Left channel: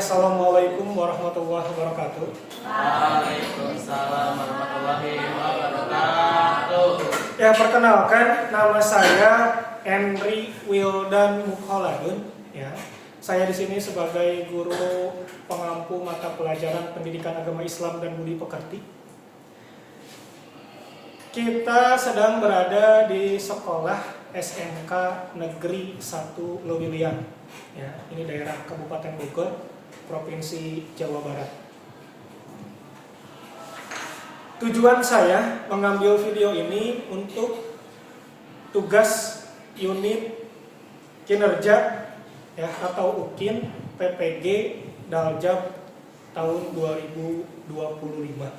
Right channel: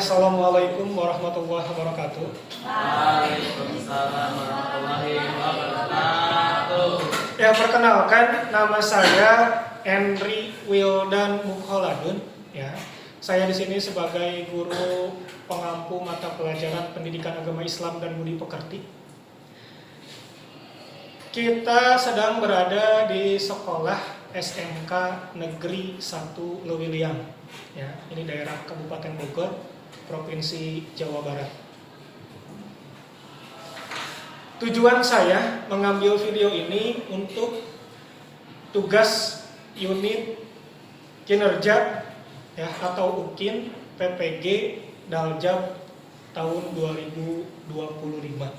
Assalamualaikum warahmatullahi wabarakatuh. Waalaikumsalam warahmatullahi wabarakatuh. Ya, perkenalkan, nama saya Henry Wildan Mukholadun. Ya, saya di sini sebagai guru pengampu mata pelajaran Pendidikan Agama Islam dan Budi Pekerti. Kita sedang berada di sekolah SMK Negeri 1 Lewiliang. Ya, ini daerah Kabupaten Bogor, Provinsi Jawa Barat. Tujuan saya mengambil video ini untuk tugas unit kinerja ya atau UKIN PPG Daljab tahun 2025.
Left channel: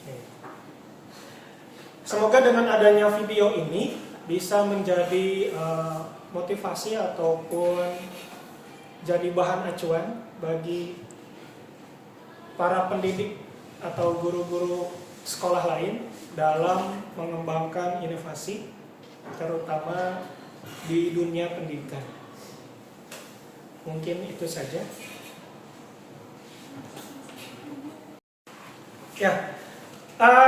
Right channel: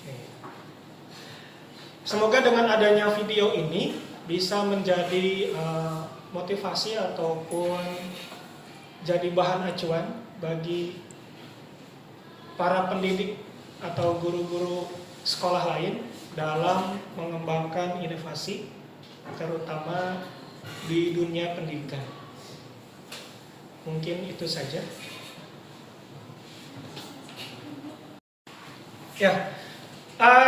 Oke. Semoga dengan adanya video ini bisa menjadi motivasi ataupun jadi bahan acuan bagi para pendidik atau guru-guru sekolah lain dalam mengembangkan inovasi terutama di dunia pendidikan. Mungkin itu saja. Ya,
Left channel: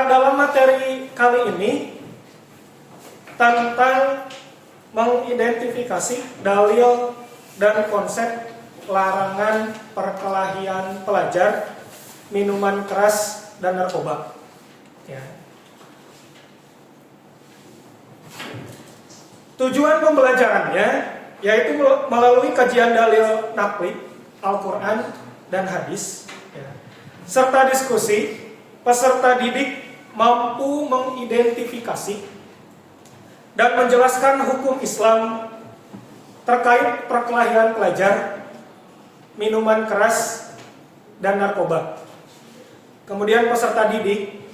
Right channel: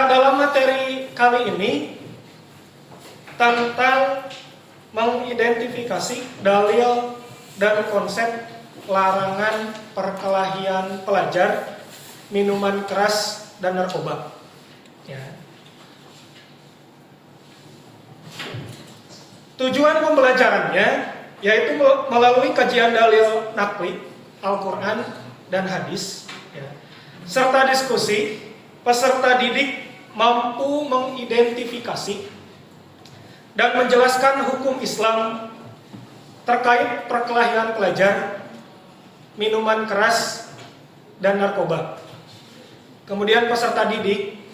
dalam materi kali ini tentang mengidentifikasi dalil dan konsep larangan perkelahian pelajar, minuman keras, dan narkoba. Ya. Tujuan pembelajarannya yaitu melalui kajian dalil naqli, Al-Quran, dan hadis, ya, serta diskusi, peserta didik mampu mengidentifikasi dan menjelaskan hukum Islam terkait perkelahian pelajar, minuman keras, dan narkoba. Kemudian peserta didik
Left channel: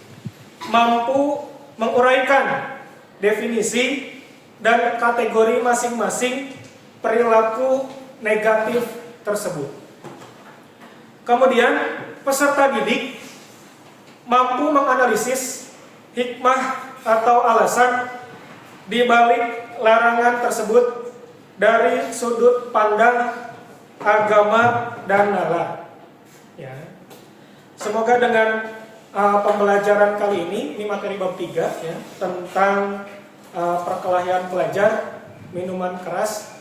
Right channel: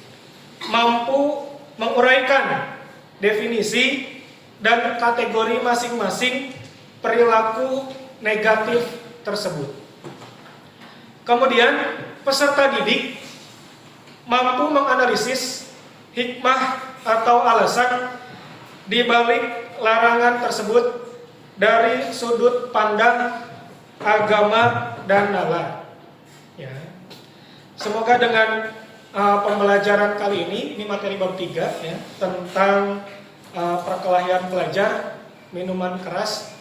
mampu menguraikan definisi dan kategori masing-masing perilaku negatif tersebut. Kemudian peserta didik mampu menganalisis hikmah atau alasan di balik larangan tersebut dari sudut pandang agama dan nalar. Ya. Semoga dengan pembelajaran kali ini materi bab 3 ya, tentang perkelahian pelajar, minuman keras,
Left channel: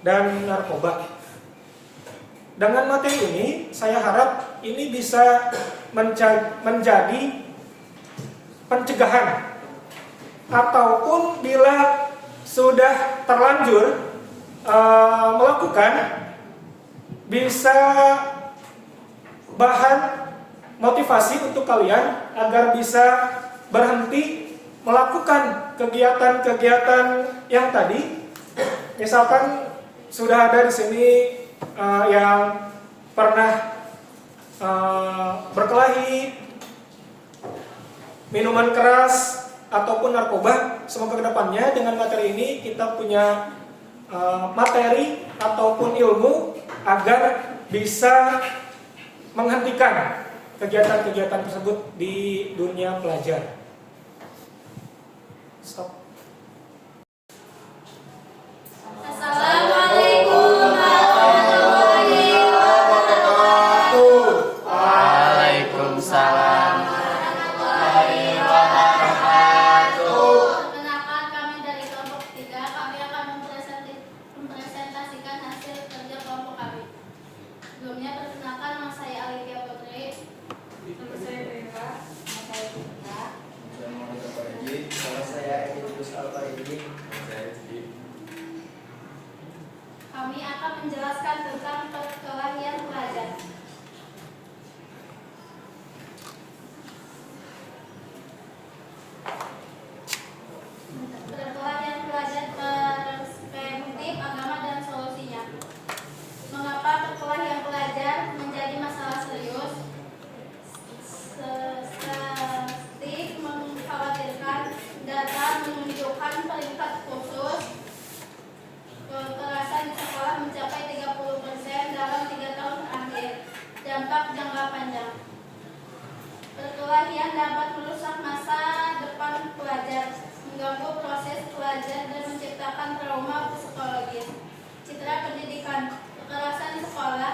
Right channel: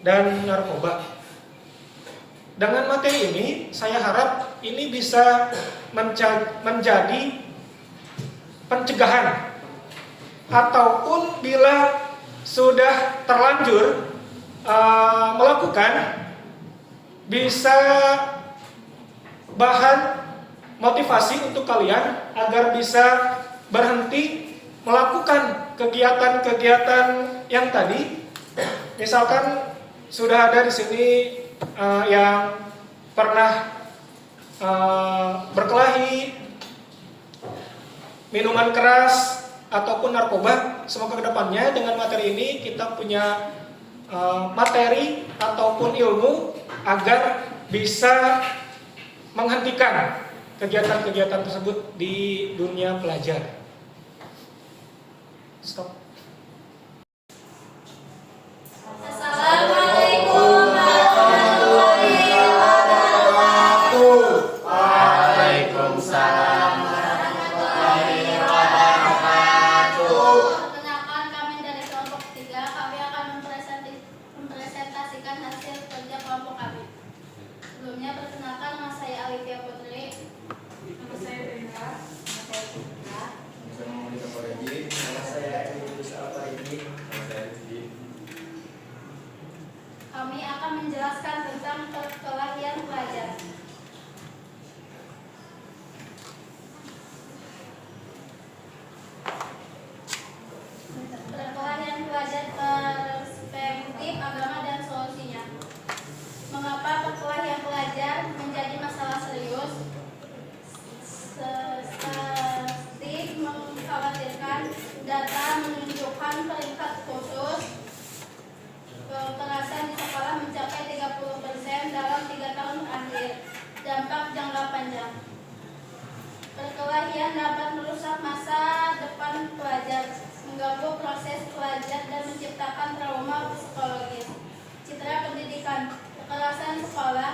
dan narkoba. Dengan materi ini saya harap ini bisa menjadi pencegahan, ataupun bila sudah terlanjur melakukan, bisa bahan motivasi untuk kalian agar bisa berhenti melakukan kegiatan-kegiatan yang tadi. Misalkan sudah ada di sini yang pernah berkelahi, minuman keras, ataupun narkoba. Semoga kedepannya dengan materi ini kita punya materi ataupun ilmu agar bisa menghentikan kegiatan-kegiatan tersebut di dunia pelajar. Stop. Assalamualaikum warahmatullahi wabarakatuh. Waalaikumsalam warahmatullahi wabarakatuh. Perkenalkan, kami dari kelompok 3. Kami akan mempresentasikan hasil kerja kelompok kami. Sebelumnya perkenalkan, nama saya Alivia Putri. Nama saya Rika. Nama saya Citra. Nama saya Idrus Alfaridin. Kami akan menjelaskan tentang perkelahian pelajar. Perkelahian pelajar perspektif agama dan solusinya. Mengapa perkelahian pelajar menjadi masalah serius? Statistik mengkhawatirkan data menunjukkan peringkat khusus kekerasan di sekolah mencapai 30% dalam 3 tahun terakhir. Dampak jangka panjang. Perkelahian dapat merusak masa depan pelajar, mengganggu proses pelajar dan menciptakan trauma psikologis. Citra pendidikan. Kekerasan sekolah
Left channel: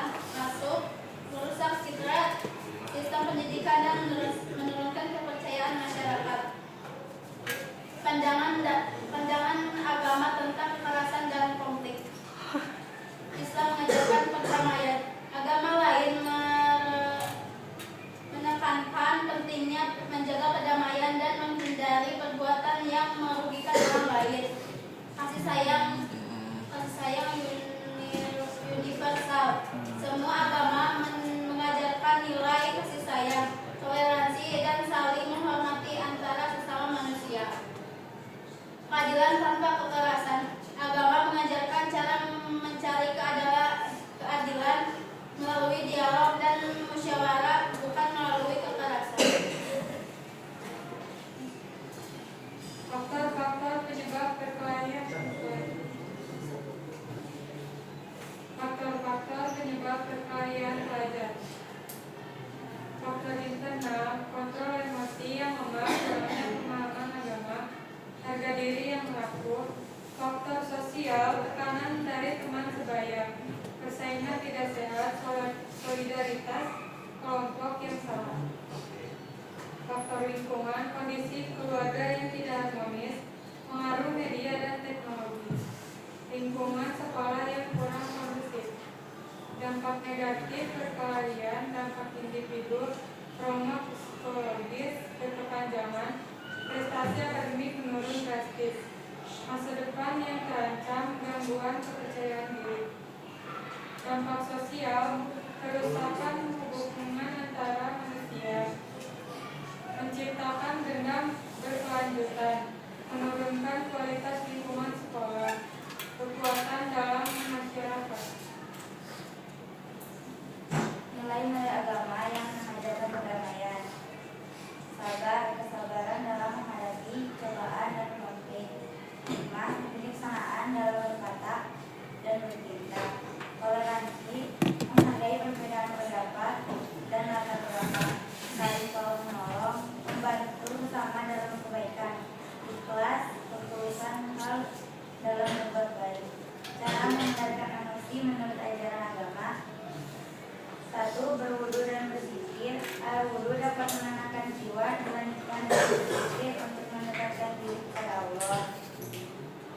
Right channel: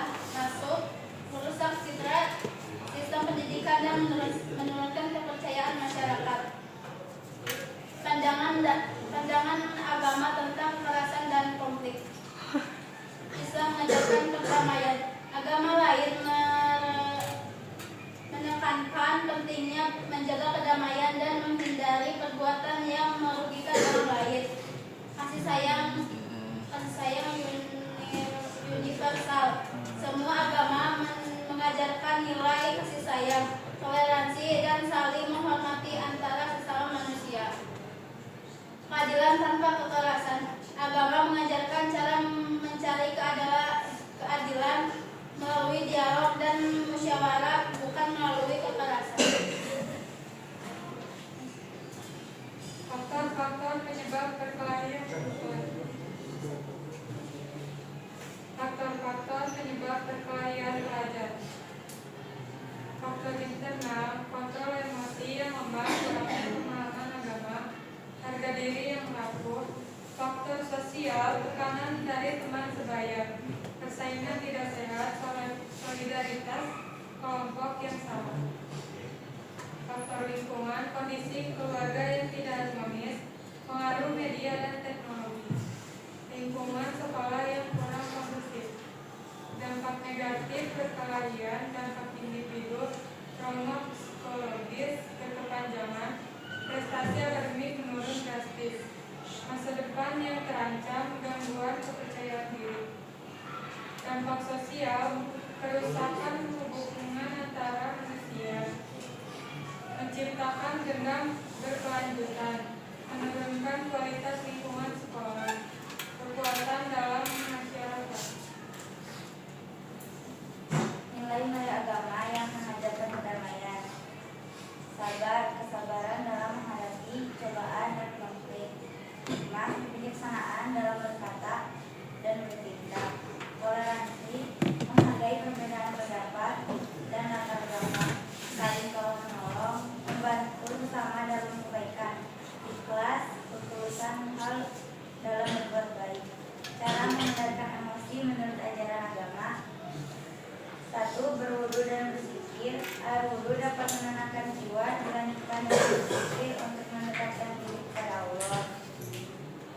tekanan dari teman sebaya, persaingan tidak sehat, solidaritas kelompok yang salah. Faktor lingkungan, kondisi keluarga yang tidak harmonis, pengaruh media dan teknologi, lingkungan sekolah yang kurang kondusif, dampak negatif perkelahian, dampak individu, trauma psikologis berkepanjangan, prestasi akademik menurun drastis, masa depan yang terancam, gangguan kepercayaan diri. Dampak sosial, kerusakan hubungan antara manusia, menciptakan dendam berkelanjutan, menurunkan kualitas lingkungan sekolah, kekuatan dalam masyarakat. Nilai-nilai agama yang mengajarkan perdamaian, sabar, kesabaran dalam menghadapi cobaan dan konflik, hikmah, kebijaksanaan dalam berkata dan bertindak, toleransi, menghargai perbedaan pendapat dan latar belakang, saling tolong menolong, membantu bersama dalam kebaikan, ikhlas, ketulusan hal dalam berbuat baik. Cara menghindarkan emosi menurut ajaran agama: 1. Berwudu dan berzikir. Air wudu dapat menenangkan jiwa, dilanjutkan dengan berzikir untuk mendekatkan diri kepada Allah.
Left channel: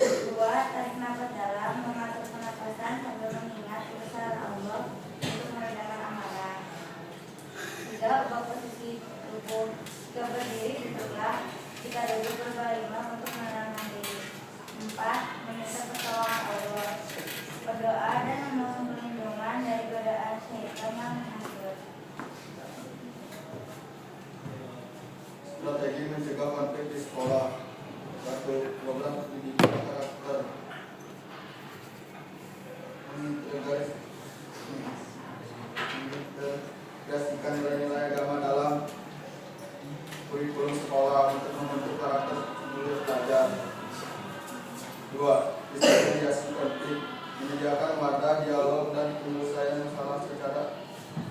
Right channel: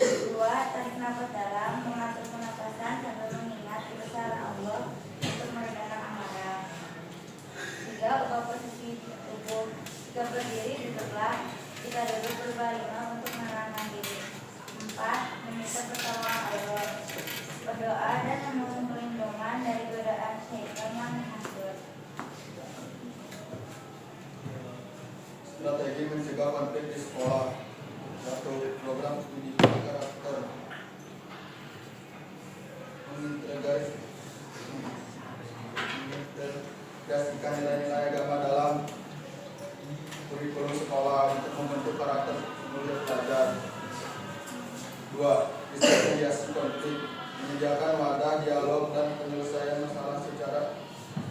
2. Tarik nafas dalam, mengatur pernapasan sambil mengingat kebesaran Allah untuk meredakan amarah. 3. Ubah posisi tubuh. Jika berdiri, duduklah. Jika duduk, berbaringlah untuk menenangkan diri. 4. Meminta pertolongan Allah, berdoa dan memohon perlindungan dari godaan syaitan yang menghasut. Strategi mencegah konflik di sekolah. 1. Program pendidikan karakter, mengintegrasikan nilai-nilai agama dalam kurikulum sekolah untuk membentuk karakter murid pelajar. 2. Diseriasi konflik, menyediakan wadah dialog dan penyelesaian masalah secara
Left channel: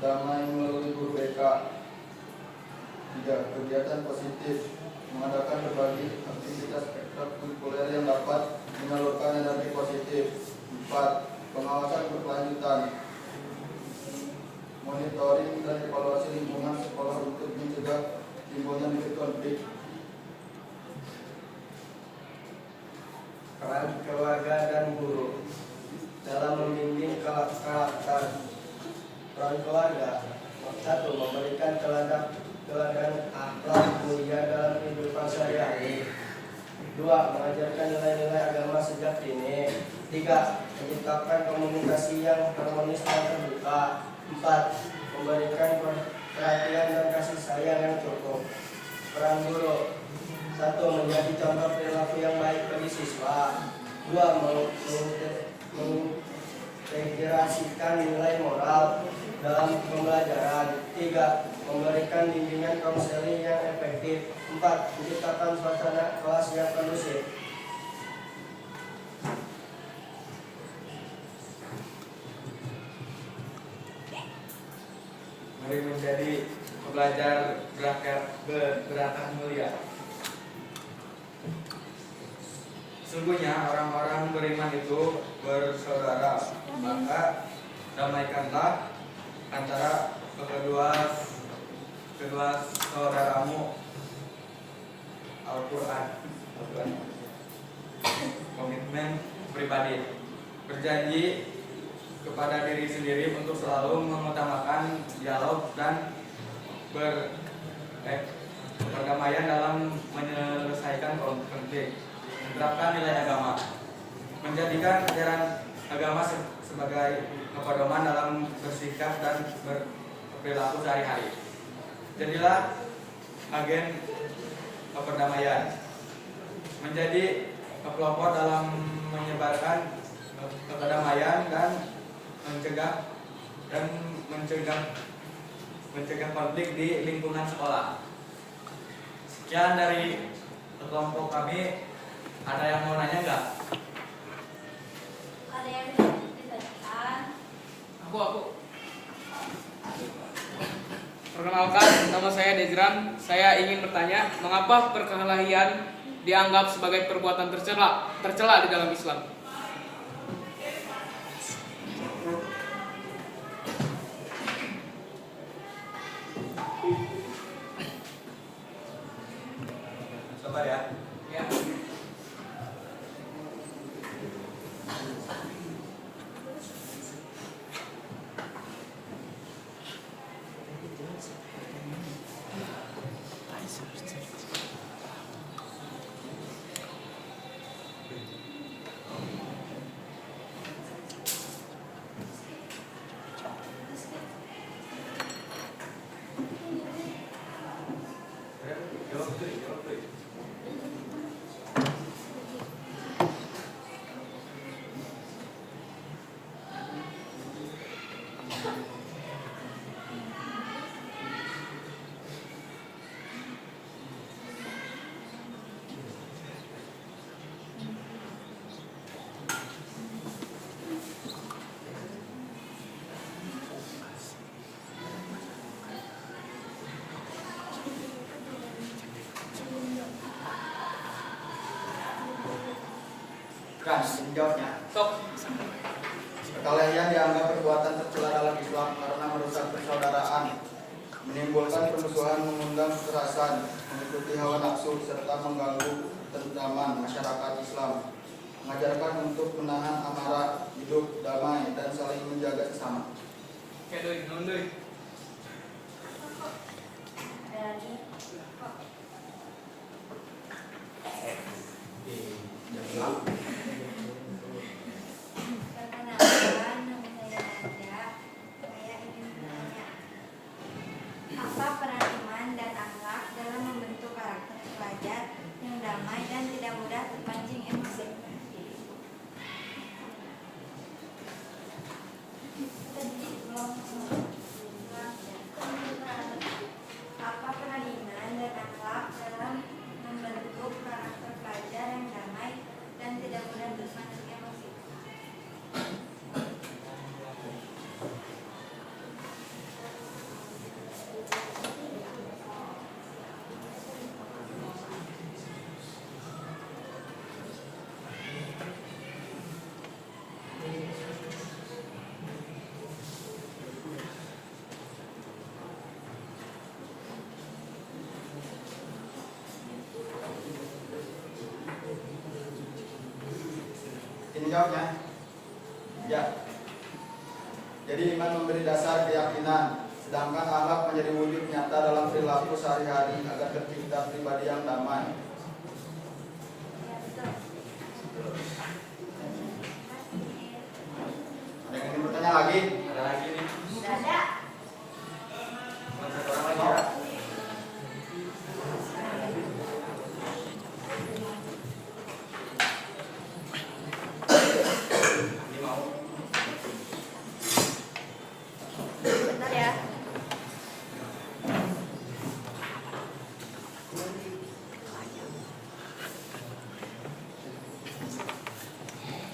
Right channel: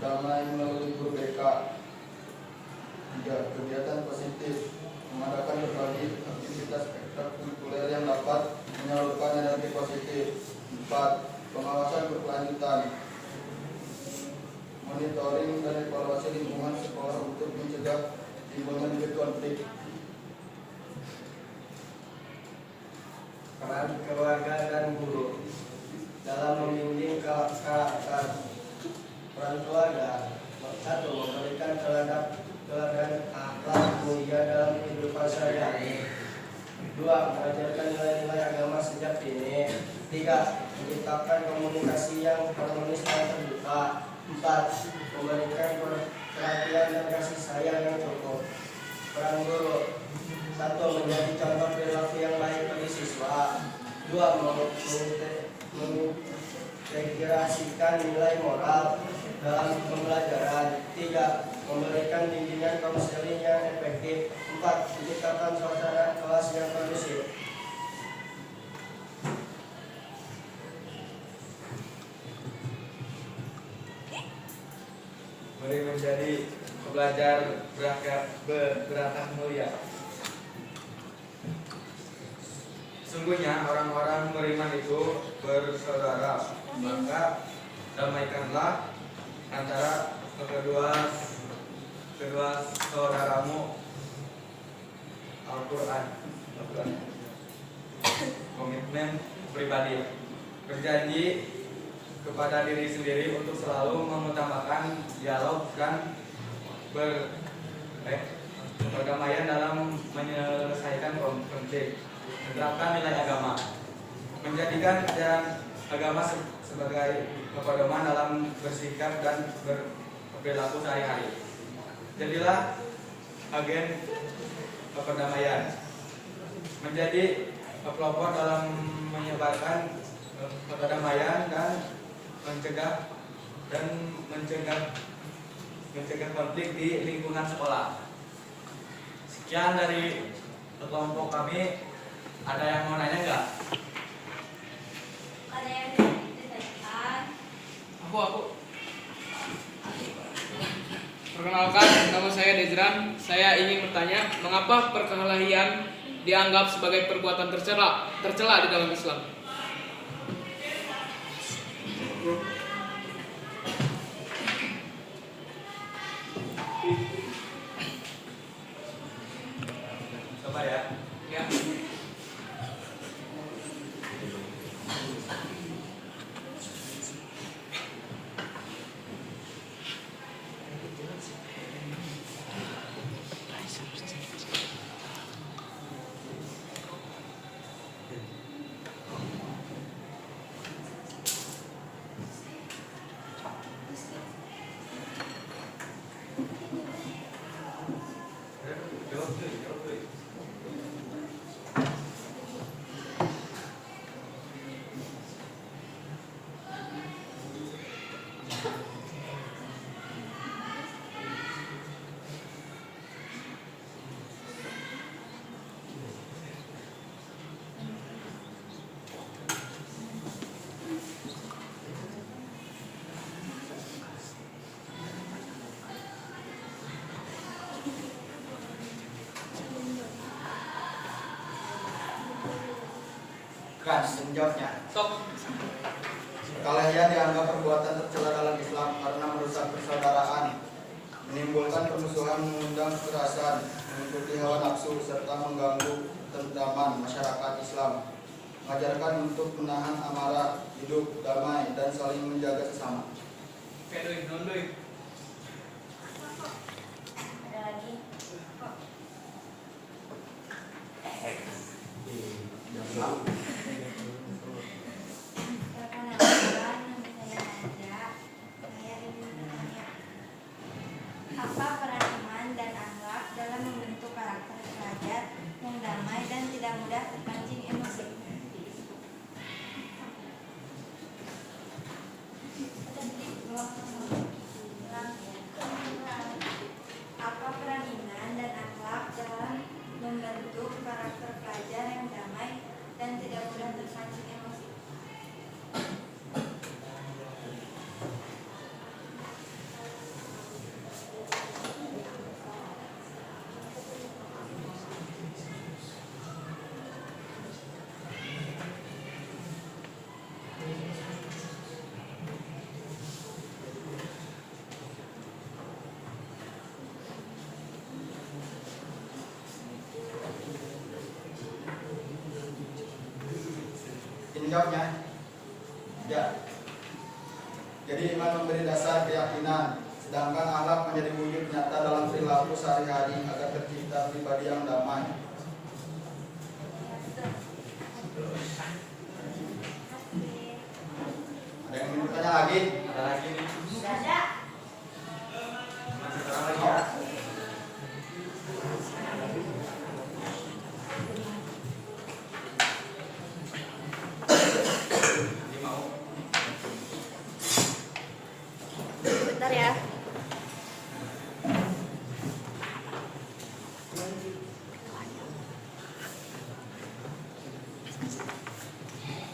damai melalui guru BK. 3. Kegiatan positif, mengadakan berbagai aktivitas ekstrakurikuler yang dapat menyalurkan energi positif. 4. Pengawasan berkelanjutan, monitoring dan evaluasi lingkungan sekolah untuk mencegah timbulnya konflik. Peran keluarga dan guru dalam membimbing karakter. Peran keluarga: 1. Memberikan teladan akhlak mulia dalam kehidupan sehari-hari. 2. Mengajarkan nilai-nilai agama sejak dini. 3. Menciptakan komunikasi yang harmonis dan terbuka. 4. Memberikan perhatian dan kasih sayang yang cukup. Peran guru: 1. Menjadi contoh perilaku yang baik bagi siswa. 2. Mengintegrasikan nilai moral dalam pembelajaran. 3. Memberikan bimbingan konseling yang efektif. 4. Menciptakan suasana kelas yang kondusif. Mari menjadi pelajar berakhlak mulia. Sungguhnya orang-orang beriman itu bersaudara, maka damaikanlah antara kedua saudaramu. Al-Quran. Komitmen pribadi, berjanji kepada diri sendiri untuk selalu mengutamakan dialog dan berdamaian dalam menyelesaikan konflik. Menerapkan nilai agama, menjadikan ajaran agama sebagai pedoman dalam bersikap dan berperilaku sehari-hari. Jadilah agen perdamaian, menjadi pelopor dalam menyebarkan perdamaian dan mencegah konflik di lingkungan sekolah. Sekian dari kelompok kami. Ada yang mau nanya nggak? Ada yang bisa ditanyakan? Aku. Perkenalkan, nama saya Dezran. Saya ingin bertanya, mengapa perkelahian dianggap sebagai perbuatan tercela di dalam Islam? Bukan, menjawabnya. Sok. Perkelahian dianggap perbuatan tercela dalam Islam karena merusak persaudaraan, menimbulkan permusuhan, mengundang kekerasan, mengikuti hawa nafsu, serta mengganggu ketentraman masyarakat Islam. Mengajarkan untuk menahan amarah, hidup damai, dan saling menjaga sesama. Oke, doi, non doi. Ada lagi? Perkenalkan, nama saya Nadia. Saya ingin bertanya, apa peran iman dan akhlak dalam membentuk karakter pelajar yang damai dan tidak mudah terpancing emosi? Apa peran iman dan akhlak dalam membentuk karakter pelajar yang damai dan tidak mudah terpancing emosi? Ini jawabnya. Ya. Jadi iman memberi dasar keyakinan, sedangkan akhlak menjadi wujud nyata dalam perilaku sehari-hari agar tercipta pribadi yang damai. Ada yang ingin bertanya lagi? Ada lagi nih. Sudah ada. Masih kurang lagi ya. Ini mau. Bentar ya.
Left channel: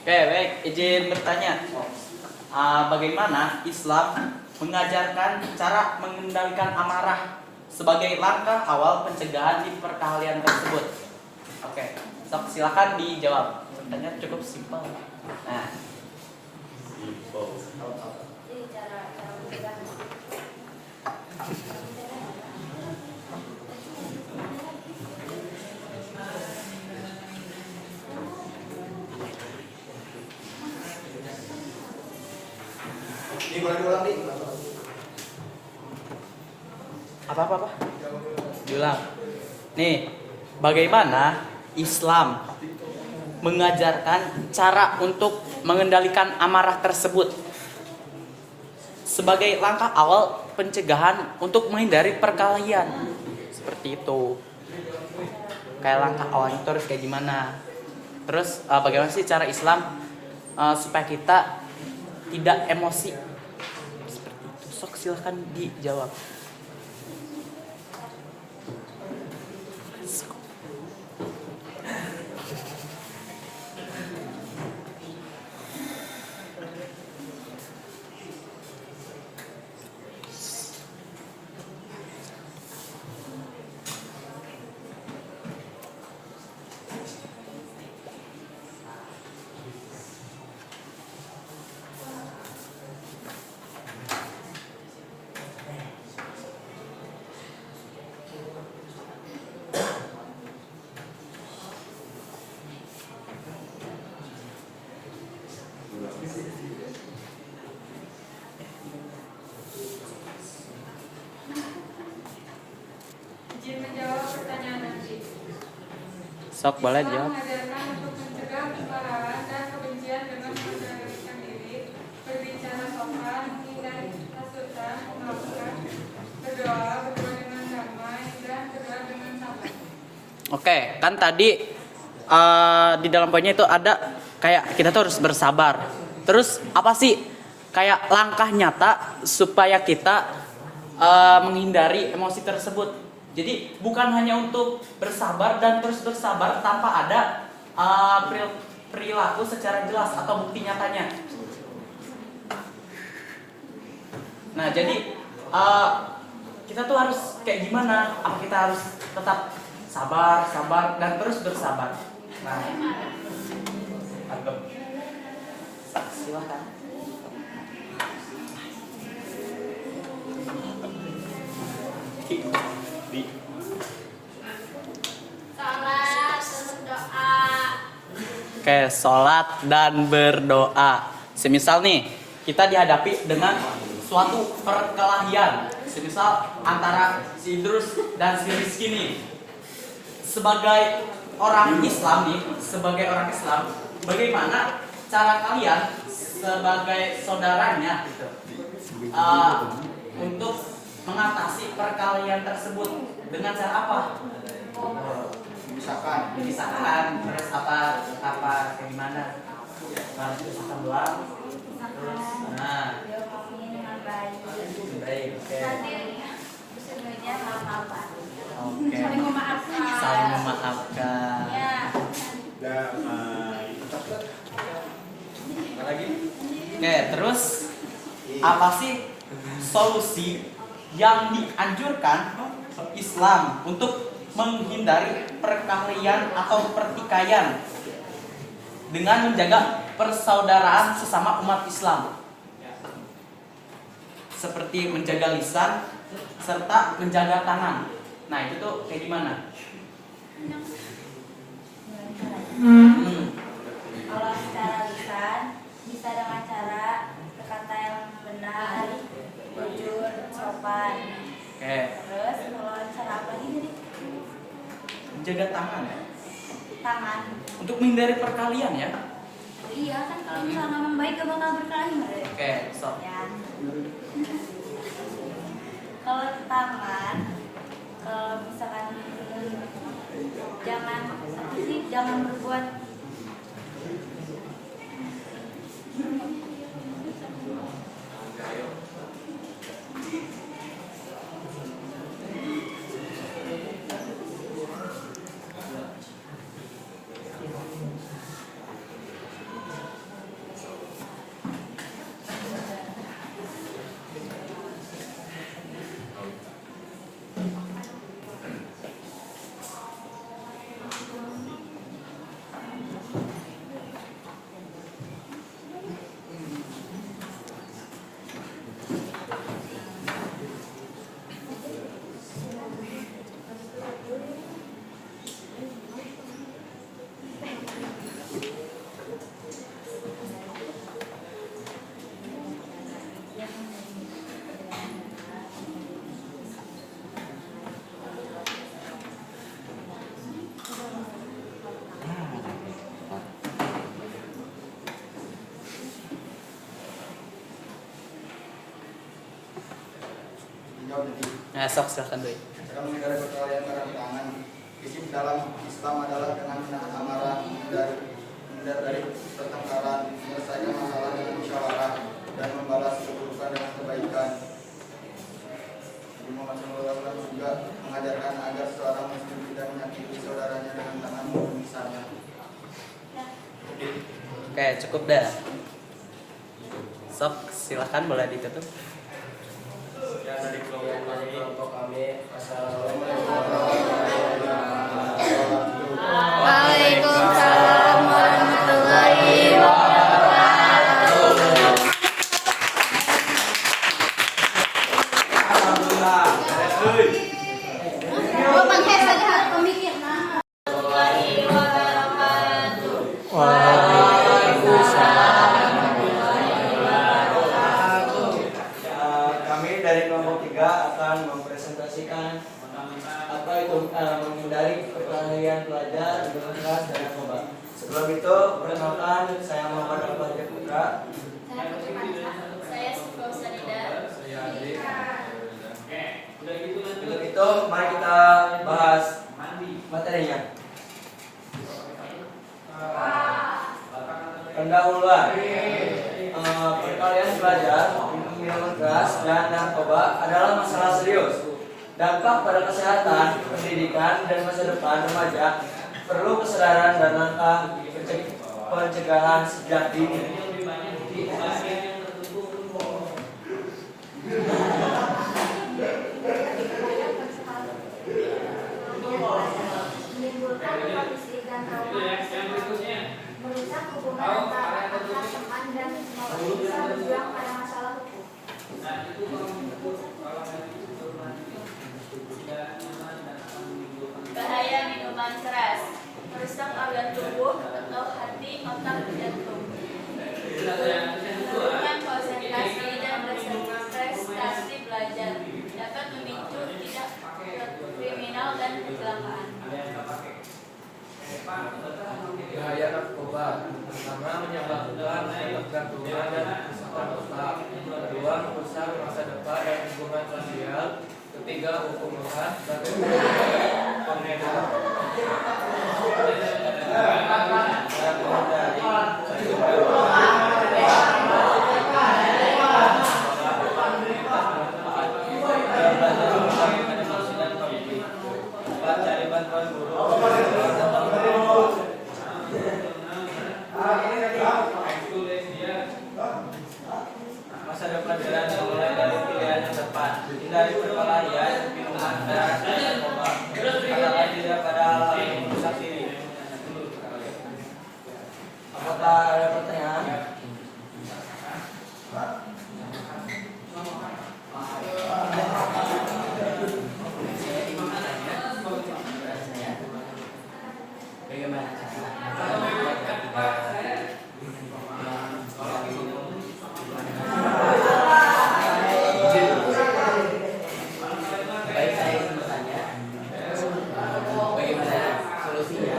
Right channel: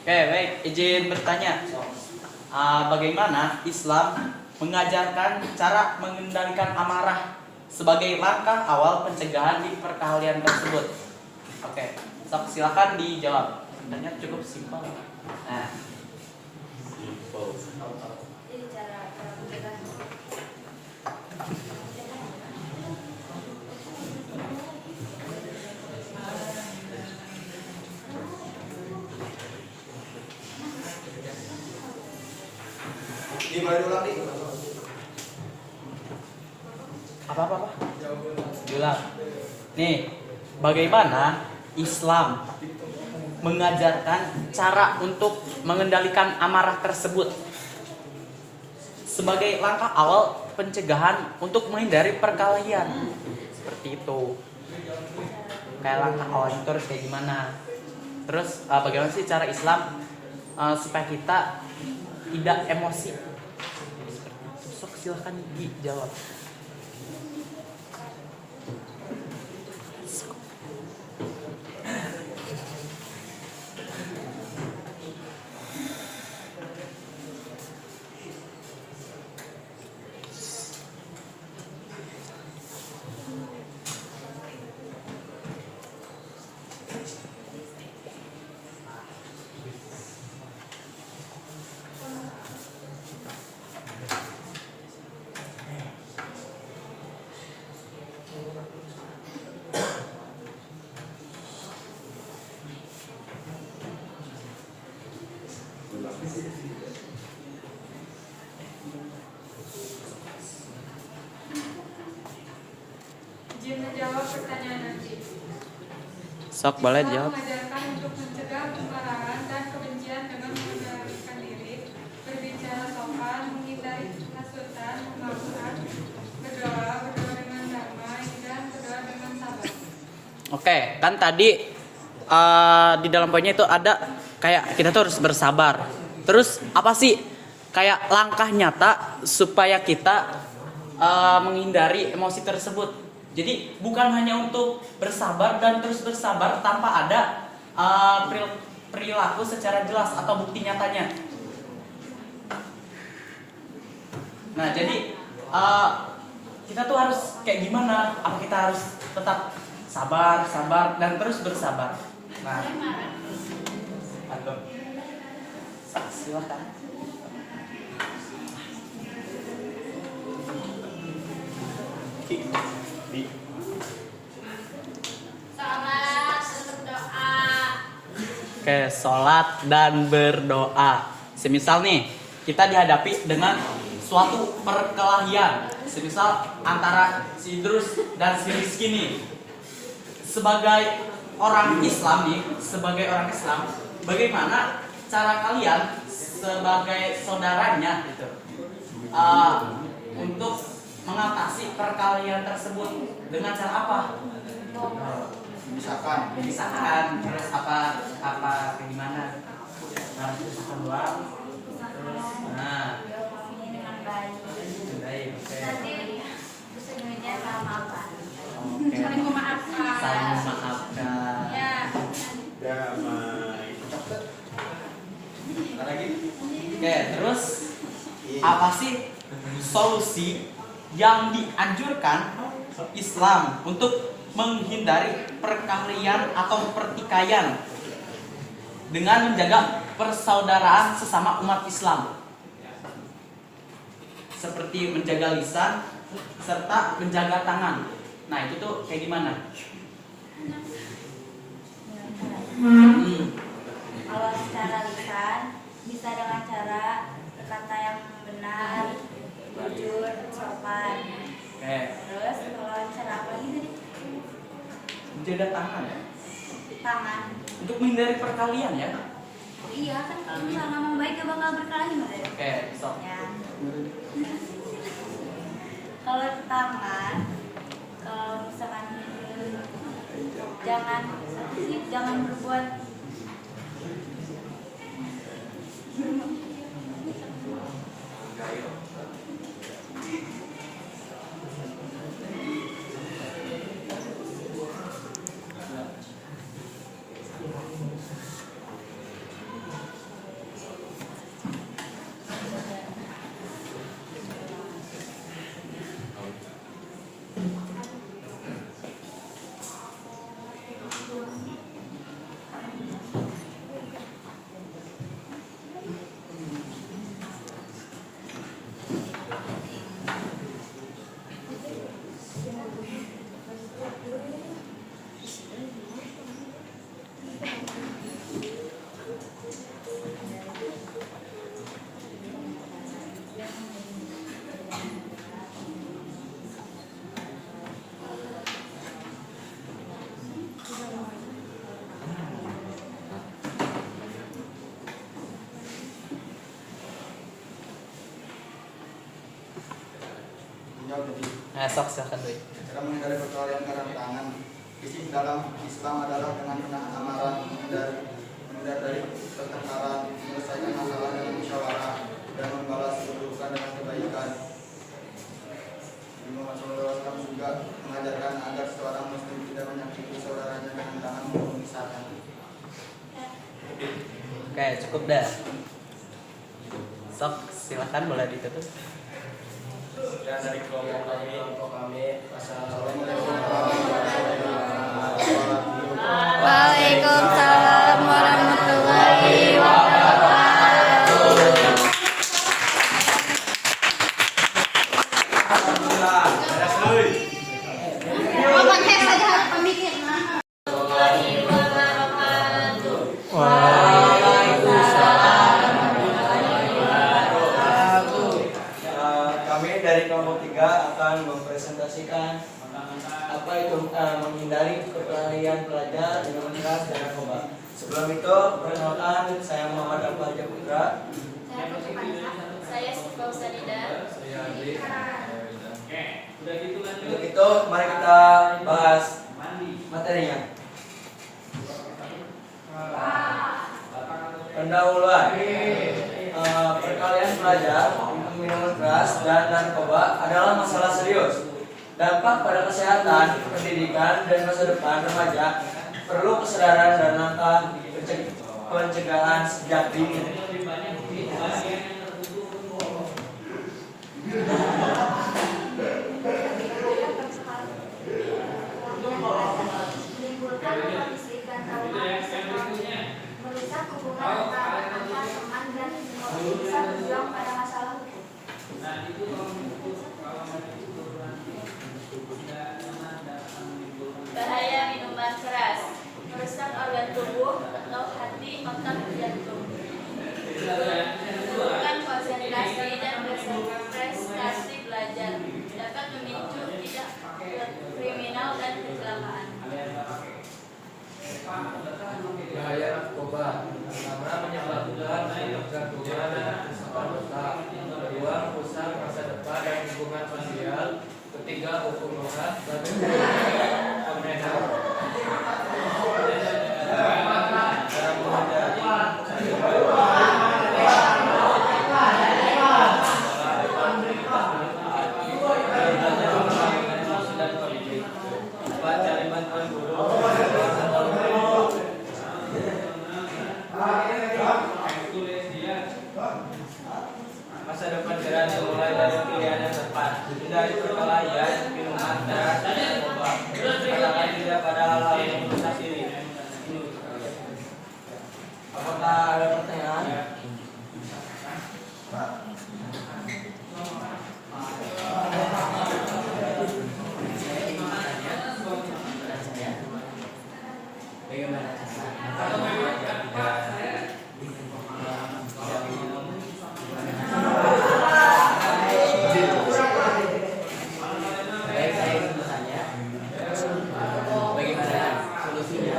Oke, baik. Izin bertanya. Bagaimana Islam mengajarkan cara mengendalikan amarah sebagai langkah awal pencegahan di perkelahian tersebut? Oke, sok silakan dijawab. Pertanyaan cukup simpel. Nah, Jadi cara mencegah. Ini boleh diulang nih. apa? Diulang. Nih, bagaimana Islam mengajarkan cara untuk mengendalikan amarah tersebut sebagai langkah awal pencegahan untuk menghindari perkelahian. Seperti itu. Kayak langkah awal itu harus kayak gimana? Terus bagaimana sih cara Islam supaya kita tidak emosi? Seperti itu. Sok silahkan dijawab. Izin menjawab pertanyaan nanti. Sok boleh Islam jawab. mengajarkan untuk mencegah kemarahan dan kebencian dengan mengendalikan diri, berbicara sopan, menghindari hasutan, memaafkan, berdoa dengan damai, dan berdoa dengan sabar. Oke, kan tadi di dalam poinnya itu ada kayak kita tuh harus bersabar. Terus apa sih kayak langkah nyata supaya kita menghindari emosi tersebut? Jadi bukan hanya untuk bersabar dan terus bersabar tanpa ada perilaku secara jelas atau bukti nyatanya. Nah, jadi kita tuh harus kayak gimana? Apa kita harus tetap sabar dan terus bersabar? Nah, agak Silahkan. Salat dan berdoa. Oke, sholat dan berdoa. Semisal nih, kita dihadapi dengan suatu perkelahian. Semisal antara si Idrus dan si Rizky nih. Sebagai orang Islam nih, bagaimana cara kalian sebagai saudaranya gitu, untuk mengatasi perkelahian tersebut dengan cara apa? Misalkan terus apa kayak gimana? Nah, misalkan doang. Nah, dengan baik. baik, oke. Nanti sebenarnya sama apa? Oke. Saling memaafkan. Saling memaafkan. Ya. Apa lagi? Oke, terus apa sih solusi yang dianjurkan Islam untuk menghindari perkelahian atau pertikaian dengan menjaga persaudaraan sesama umat Islam, seperti menjaga lisan serta menjaga tangan? Nah, itu tuh kayak gimana? Kalau secara lisan bisa dengan cara berkata yang benar, jujur, sopan. Oke, Terus kalau cara apa lagi tadi? menjaga tangan ya, Tangan. untuk menghindari perkelahian ya. Iya kan kalau misalnya ngomong baik gak bakal berkelahi Mbak. Oke, so Ya. Kalau tangan, kalau misalkan jangan berbuat nah, sok silakan doi. Cara menghindari perkelahian karena tangan. Prinsip dalam Islam adalah dengan menahan amarah, menghindar dari pertengkaran, menyelesaikan masalah dengan musyawarah, dan membalas keburukan dengan kebaikan. Nabi Muhammad SAW juga mengajarkan agar seorang muslim tidak menyakiti saudaranya dengan tangan maupun lisannya. Oke, cukup dah. Sok silakan boleh ditutup. Ya, dari kelompok kami. Wassalamualaikum. Waalaikumsalam warahmatullahi wabarakatuh. Alhamdulillah. Bukan saja harus pemikir. Kami dari kelompok 3 akan mempresentasikan apa itu menghindari perkelahian pelajar dengan keras dan narkoba. Sebelum itu, perkenalkan saya Muhammad Al-Fajr Putra. Saya Sifau Sanida. Untuk itu, mari kita bahas materinya. Pendahuluan. Perkelahian pelajar, minuman keras, dan narkoba adalah masalah serius. Dampak pada kesehatan, pendidikan, dan masa depan remaja perlu kesadaran dan langkah pencegahan sejak dini. menimbulkan kondisi dan trauma tersebut, merusak hubungan antara teman dan masih bisa berjuang pada masalah hukum. Bahaya minuman keras, merusak organ tubuh atau hati, otak, jantung. Menurunkan konsentrasi dan prestasi belajar, dapat memicu tindak kriminal dan kecelakaan. Bahaya narkoba. Pertama, menyebabkan ketergantungan dan kerusakan otak. Kedua, merusak masa depan dan hubungan sosial. Ketiga, hukum berat sebagai pengedar. Orang menghindari belajar melakukan emosi dan konflik. Empat, cari bantuan guru. Masa depan cerah dimulai dari pilihan yang tepat. Hindari perkelahian, minuman keras, dan narkoba. Katakan tidak pada hal-hal yang merusak diri. Apakah ada pertanyaan? Bagaimana baik, saya ingin bertanya, bagaimana solusinya?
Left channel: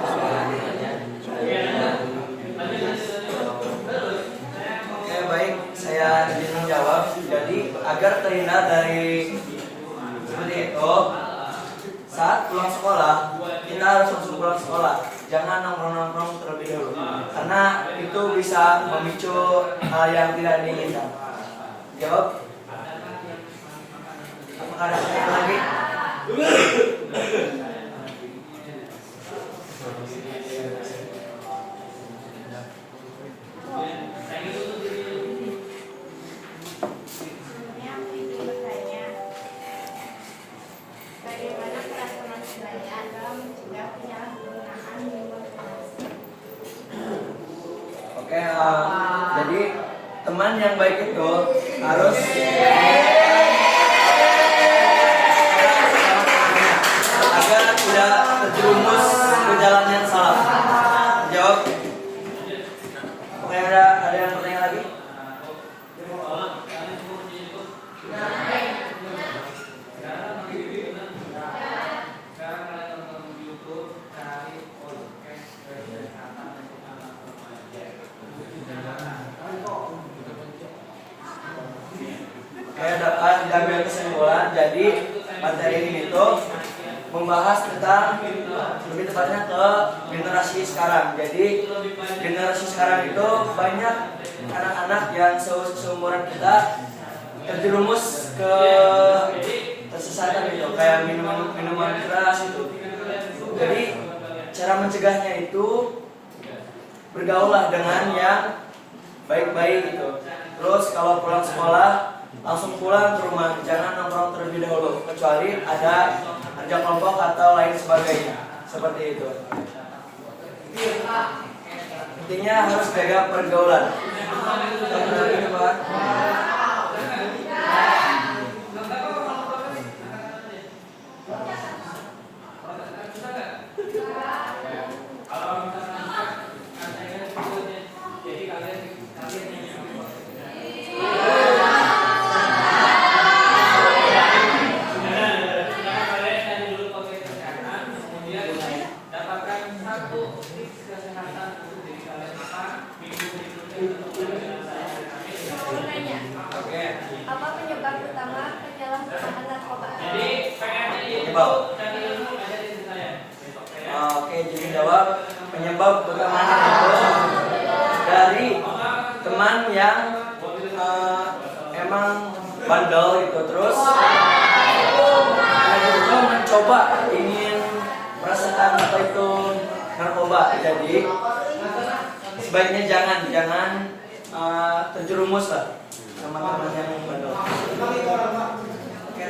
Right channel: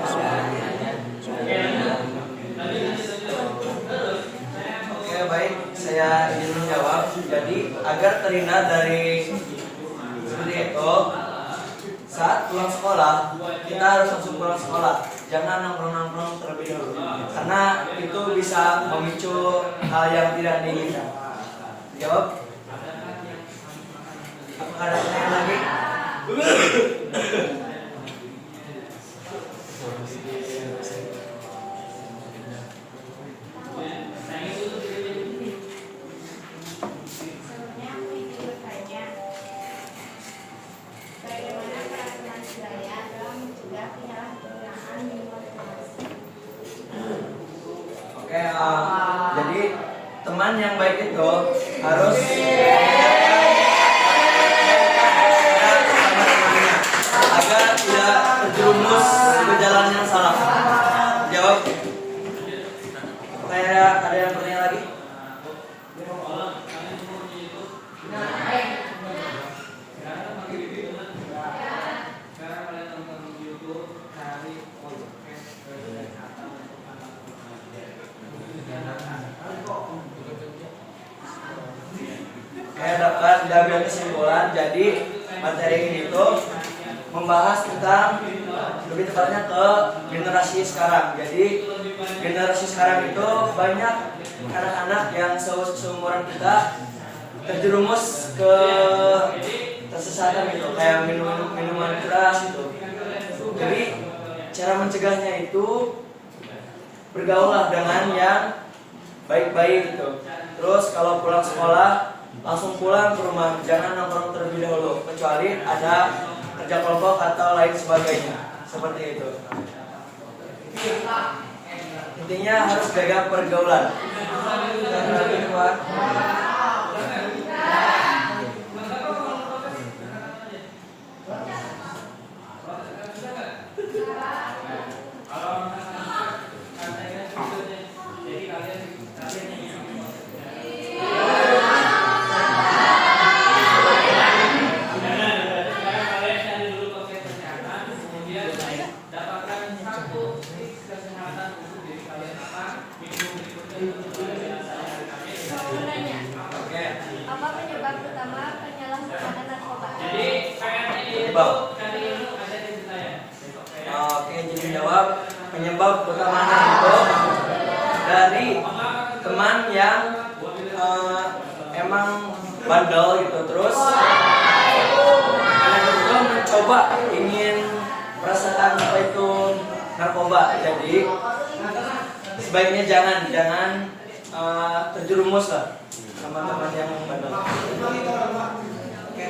Oke, baik, saya ingin menjawab. Jadi agar terhindar dari seperti itu, saat pulang sekolah kita harus langsung pulang sekolah, jangan nongkrong-nongkrong terlebih dahulu, karena itu bisa memicu hal yang tidak diinginkan. Jawab. Apakah ada pertanyaan lagi? Sebelumnya aku ingin bertanya, bagaimana para teman sebaya dalam mencegah penyalahgunaan minuman keras? Oke, jadi teman yang baik itu harus sama temannya agar tidak terjerumus ke jalan yang salah. Jawab. Apakah ada yang bertanya lagi? Kayak dapat diambil kesimpulan. Jadi materi ini tuh membahas tentang, lebih tepatnya ke generasi sekarang. Jadi generasi sekarang itu banyak anak-anak yang seumuran kita terjerumus ke kesesatan gitu, kayak minuman keras gitu. Jadi cara mencegahnya itu bergaullah dengan yang baik-baik gitu. Terus kalau pulang sekolah langsung pulang ke rumah, jangan nongkrong terlebih dahulu kecuali ada kerja kelompok atau lain sebagainya, seperti itu. Intinya harus jaga pergaulan. Mau menanya, apa penyebab utama penyalahgunaan narkoba? Penyebab. Oke, jadi jawab penyebab utamanya itu dari teman yang emang bandel gitu, terus anak itu mencoba ingin merasakan apa itu narkoba. Jadi sebaiknya jangan terjerumus lah sama teman yang bandel. Oke.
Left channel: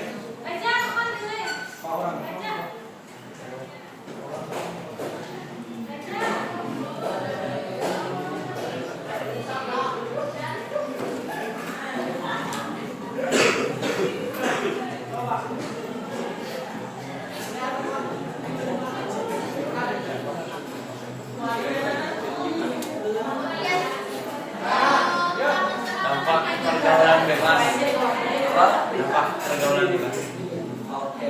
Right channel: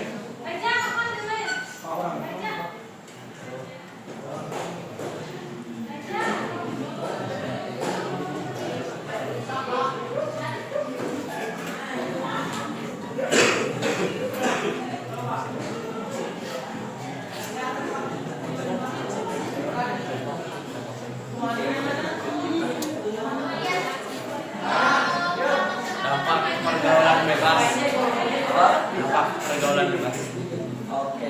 pergaulan bebas. Apa? Dampak pergaulan bebas. Oke.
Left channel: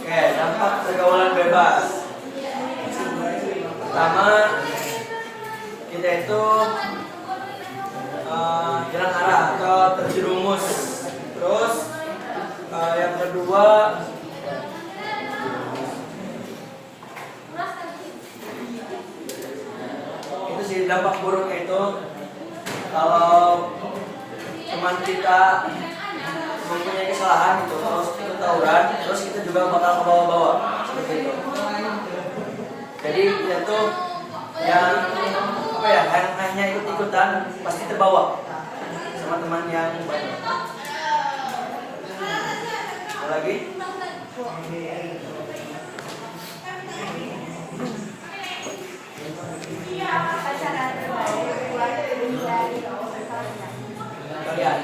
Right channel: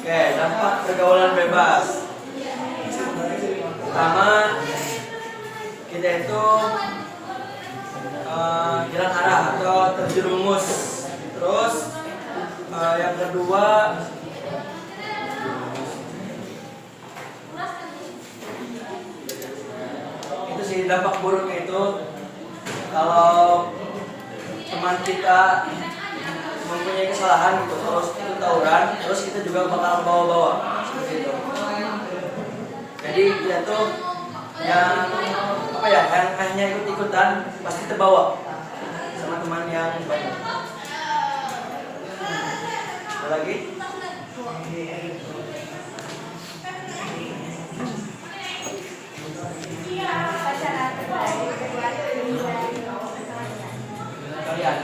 Oke, dampak pergaulan bebas. Pertama, kita itu hilang arah atau terjerumus. Terus yang kedua, itu sih dampak buruknya itu kalau teman kita mempunyai kesalahan gitu, terus ikut tawuran, terus kita juga bakal ke bawah-bawah seperti itu. Jadi dia tuh yang apa ya, yang hanya ikut-ikutan pasti terbawa sama teman yang banyak. Ada lagi? Apa cara terbaik buat menghindari perkawinan? Kalian.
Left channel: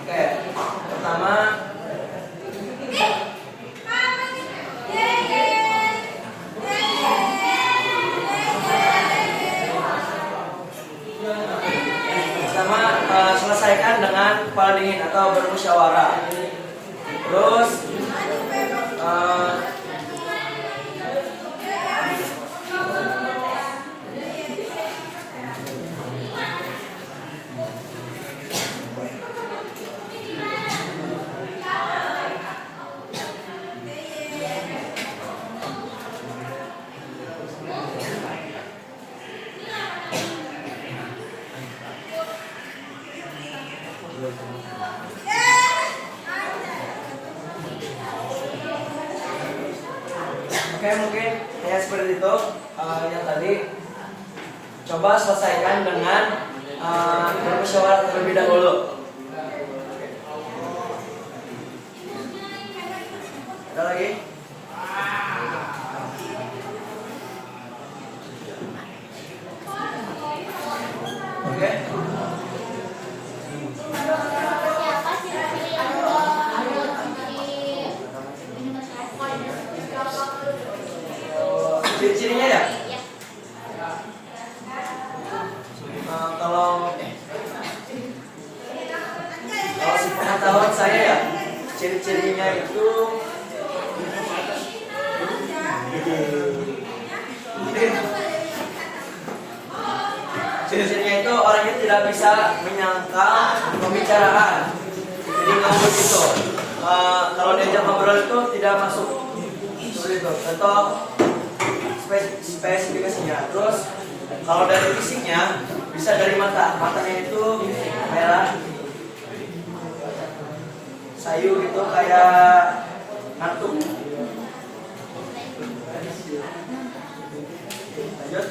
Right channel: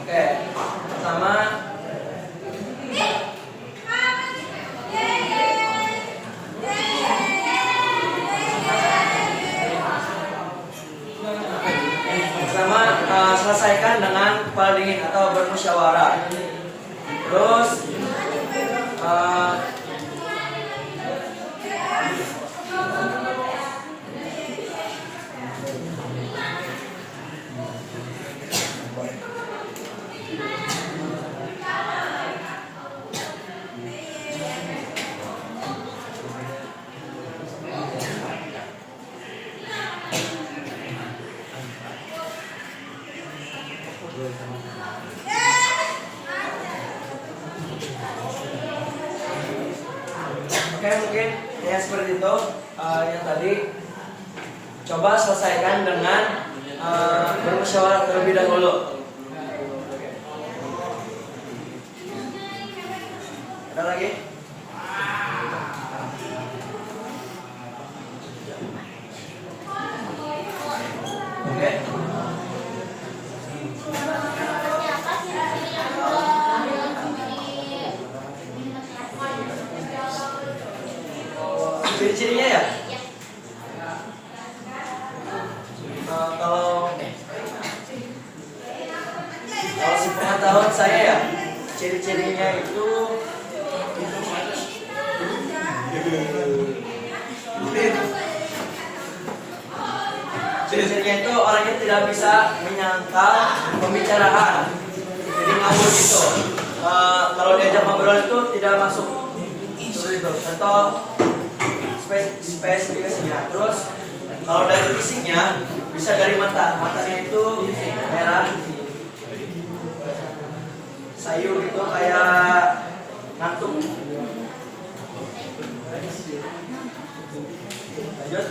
Oke, pertama selesaikan dengan kepala dingin atau bermusyawarah. Terus oke, mungkin ya seperti itu. Yang tadi coba selesaikan dengan bermusyawarah terlebih dahulu. Ada lagi? Oke. Siapa ciri-ciri yang Ciri-cirinya ya? Kalau sepengetahuan saya ya, ciri-cirinya itu orang itu tidak bisa menyangkal pembicaraan, jadi ngawur gitu. Kalau diajak ngobrol itu tidak masuk. Seperti itu. Contoh spesifikasinya. Terus kalau dari fisiknya bisa dari matanya itu merah, sayu gitu, kayak ngantuk. Lanjut.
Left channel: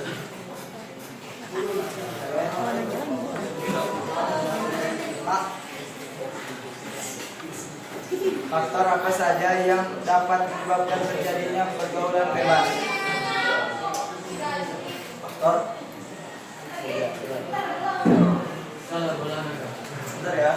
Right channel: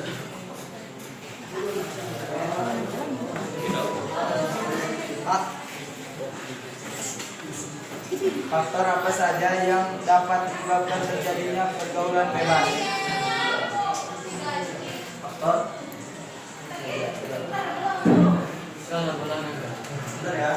Faktor apa saja yang dapat menyebabkan terjadinya pergaulan bebas? Faktor. Bentar ya.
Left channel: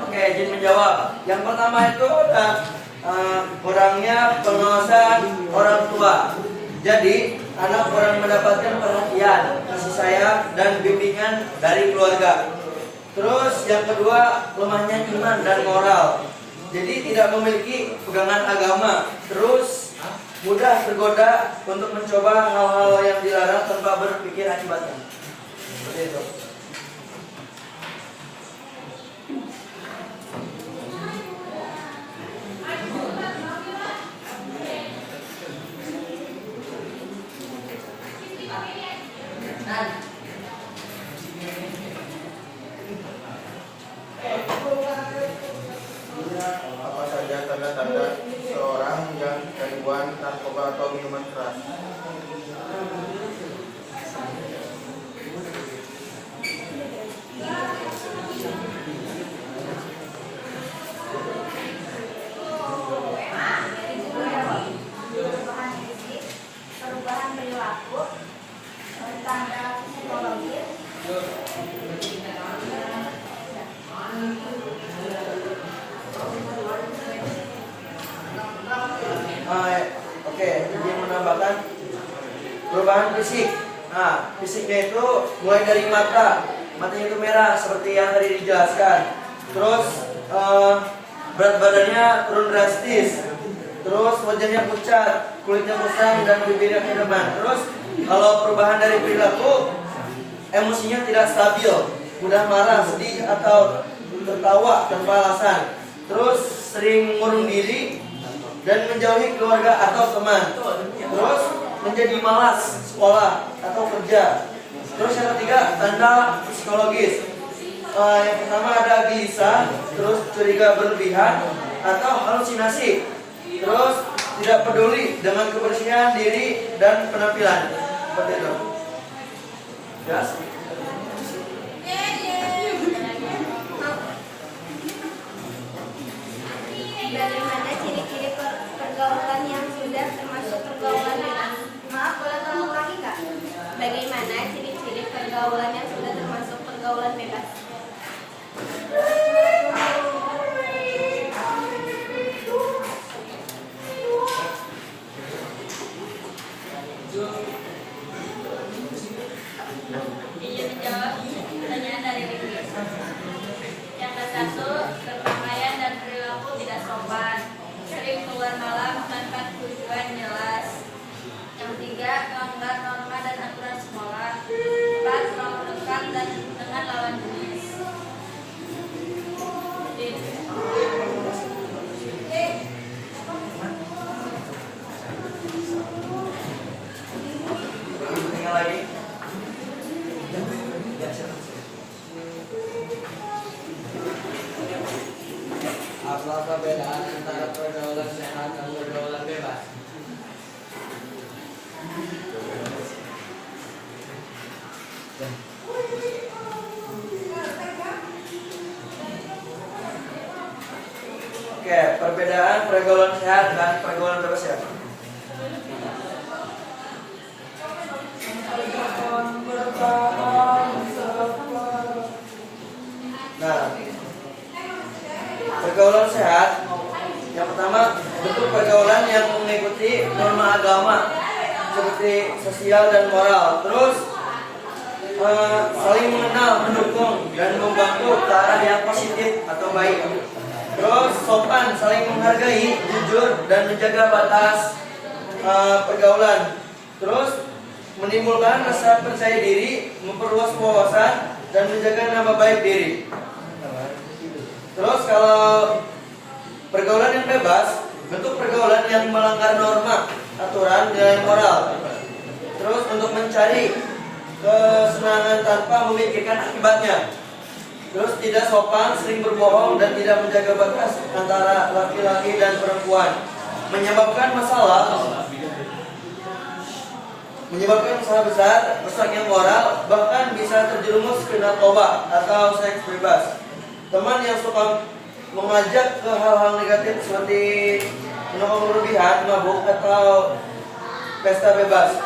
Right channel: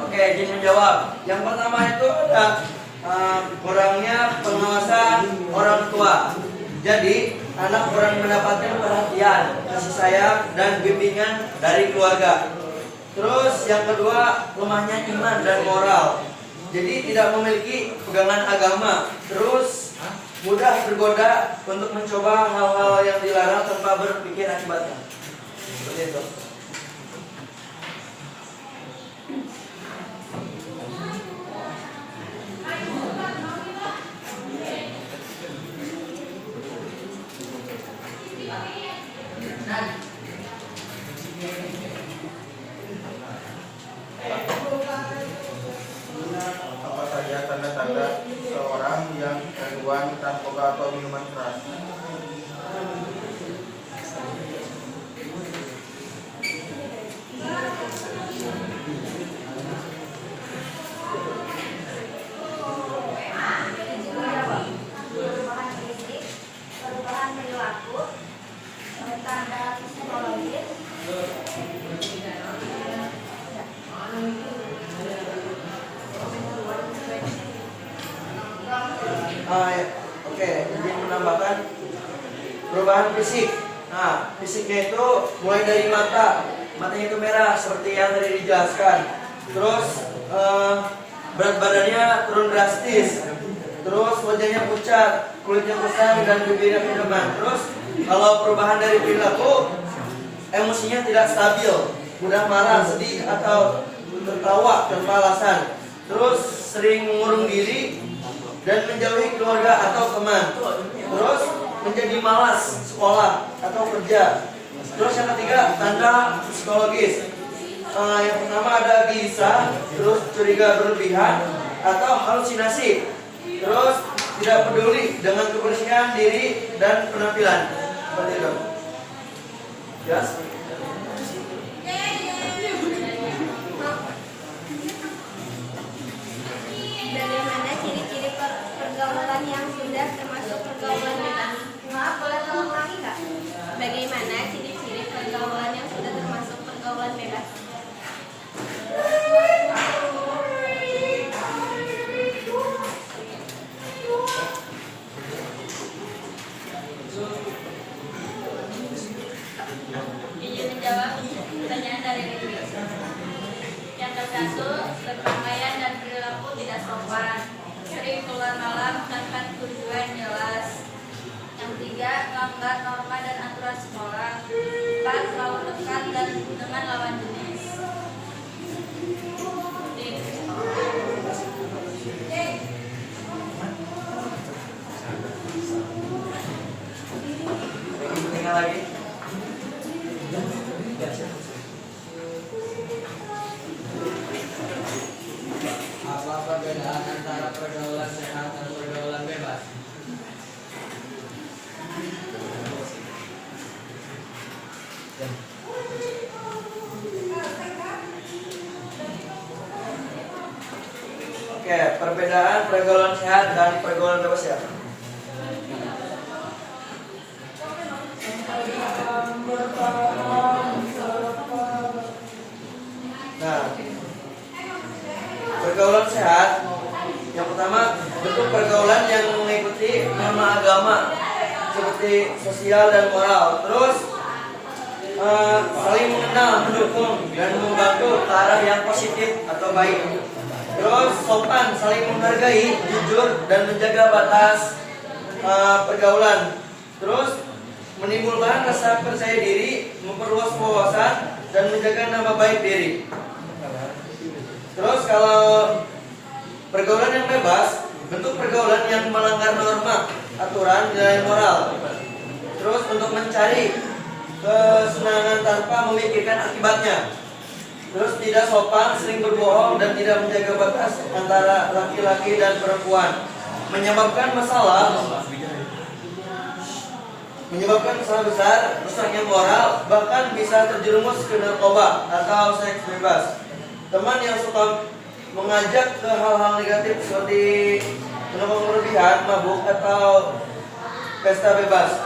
Oke, izin menjawab. Yang pertama itu kurangnya pengawasan orang tua. Jadi anak kurang mendapatkan perhatian, kasih sayang, dan bimbingan dari keluarga. Terus yang kedua, lemahnya iman dan moral. Jadi tidak memiliki pegangan agama. Terus mudah tergoda untuk mencoba hal-hal yang dilarang tanpa berpikir akibatnya. Seperti itu. Apa saja tanda-tanda seorang yang gangguan narkoba atau minuman keras? perubahan fisik. Nah, fisiknya itu mulai dari matanya itu merah seperti yang tadi dijelaskan. Terus berat badannya turun drastis. Terus wajahnya pucat, kulitnya kusam dan bibirnya kedeman. Terus kalau perubahan dari perilaku, emosinya tidak stabil, mudah marah, sedih atau tertawa tanpa alasan. Terus sering mengurung diri dan menjauhi keluarga atau teman. Terus menjadi malas sekolah atau kerja. Terus yang ketiga, tanda psikologis. Yang pertama ada gelisah, terus curiga berlebihan atau halusinasi. Terus tidak peduli dengan kebersihan diri dan penampilan. Seperti itu. Jelas? Bagaimana ciri-ciri pergaulan yang sudah termasuk pergaulan bebas? Maaf, boleh tolong ulangi nggak? Bagaimana ciri-ciri pergaulan yang sudah termasuk pergaulan bebas? Ingin menjawab pertanyaan dari Ricky. Yang ke-1, berpakaian dan perilaku tidak sopan, sering keluar malam tanpa tujuan jelas. Yang 3, melanggar norma dan aturan sekolah. 4, terlalu dekat dan dengan lawan jenis. Tinggal lagi. Apa perbedaan antara pergaulan sehat dan pergaulan bebas? Oke, perbedaan pergaulan sehat dan pergaulan bebas ya. Nah, pergaulan sehat yang pertama, bentuk pergaulan yang mengikuti norma agama seperti sosial dan moral. Terus saling mengenal, mendukung dan membantu ke arah yang positif atau baik. Terus sopan, saling menghargai, jujur dan menjaga batas pergaulan. Terus menimbulkan rasa percaya diri, memperluas wawasan dan menjaga nama baik diri. Terus kalau pergaulan yang bebas, bentuk pergaulan yang melanggar norma, aturan, nilai moral. Terus untuk mencari kesenangan tanpa memikirkan akibatnya. Terus tidak sopan, sering berbohong dan tidak menjaga batas antara laki-laki dan perempuan. Menyebabkan masalah besar, rusaknya moral, bahkan bisa terjerumus ke narkoba atau seks bebas. Teman yang suka mengajak ke hal-hal negatif seperti minum berlebihan, mabuk atau pesta bebas.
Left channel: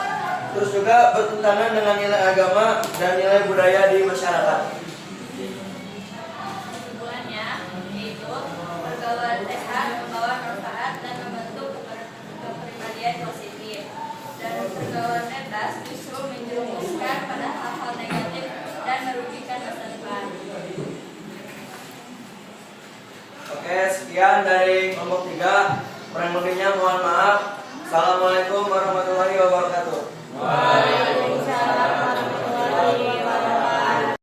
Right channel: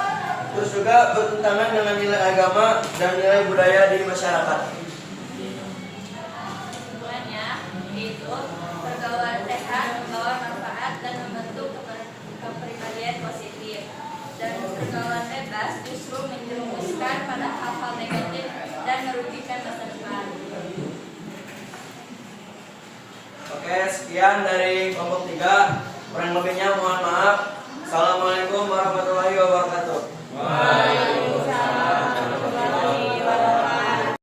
Terus juga bertentangan dengan nilai agama dan nilai budaya di masyarakat. Kesimpulannya, yaitu pergaulan sehat membawa manfaat dan membentuk kepribadian positif. Dan pergaulan bebas justru menjerumuskan pada hal-hal negatif dan merugikan masa depan. Oke, sekian dari kelompok 3. Kurang lebihnya mohon maaf. Assalamualaikum warahmatullahi wabarakatuh. Waalaikumsalam warahmatullahi wabarakatuh.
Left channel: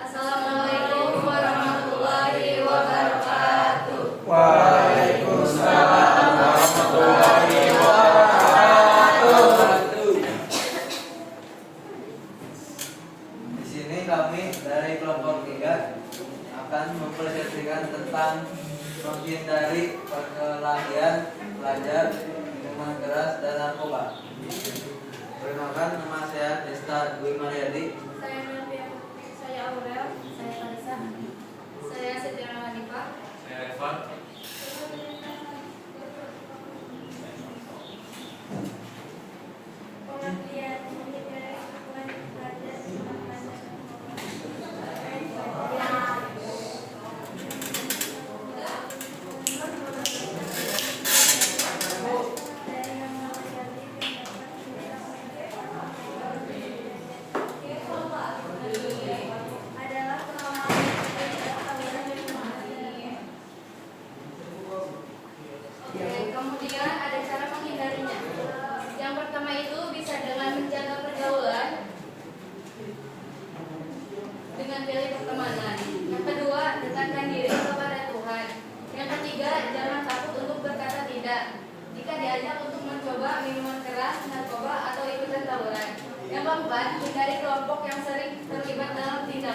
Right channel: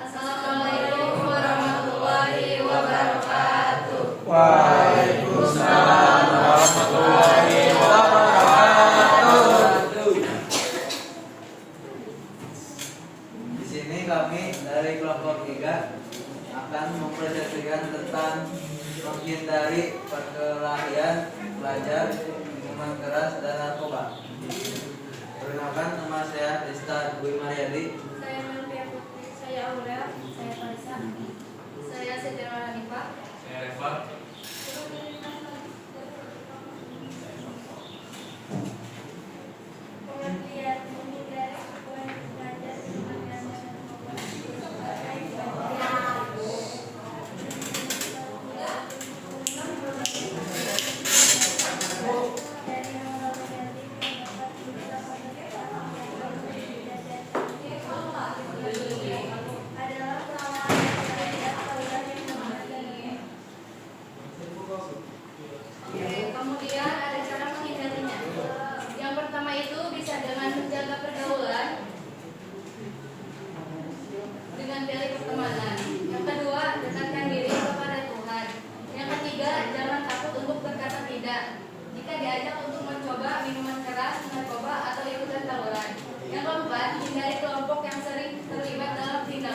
Assalamualaikum warahmatullahi wabarakatuh. Waalaikumsalam warahmatullahi Di sini kami dari kelompok 3 akan mempresentasikan tentang menghindari perkelahian pelajar, minuman keras dan narkoba. Perkenalkan, nama saya Desta Dwi Mariadi. Saya Melvia Putri, saya Aurel, saya Vanessa, saya Sejarah Hanifah, Saya Reva. Pengertian menghindari hubungan pelajar dengan dari hal-hal negatif yang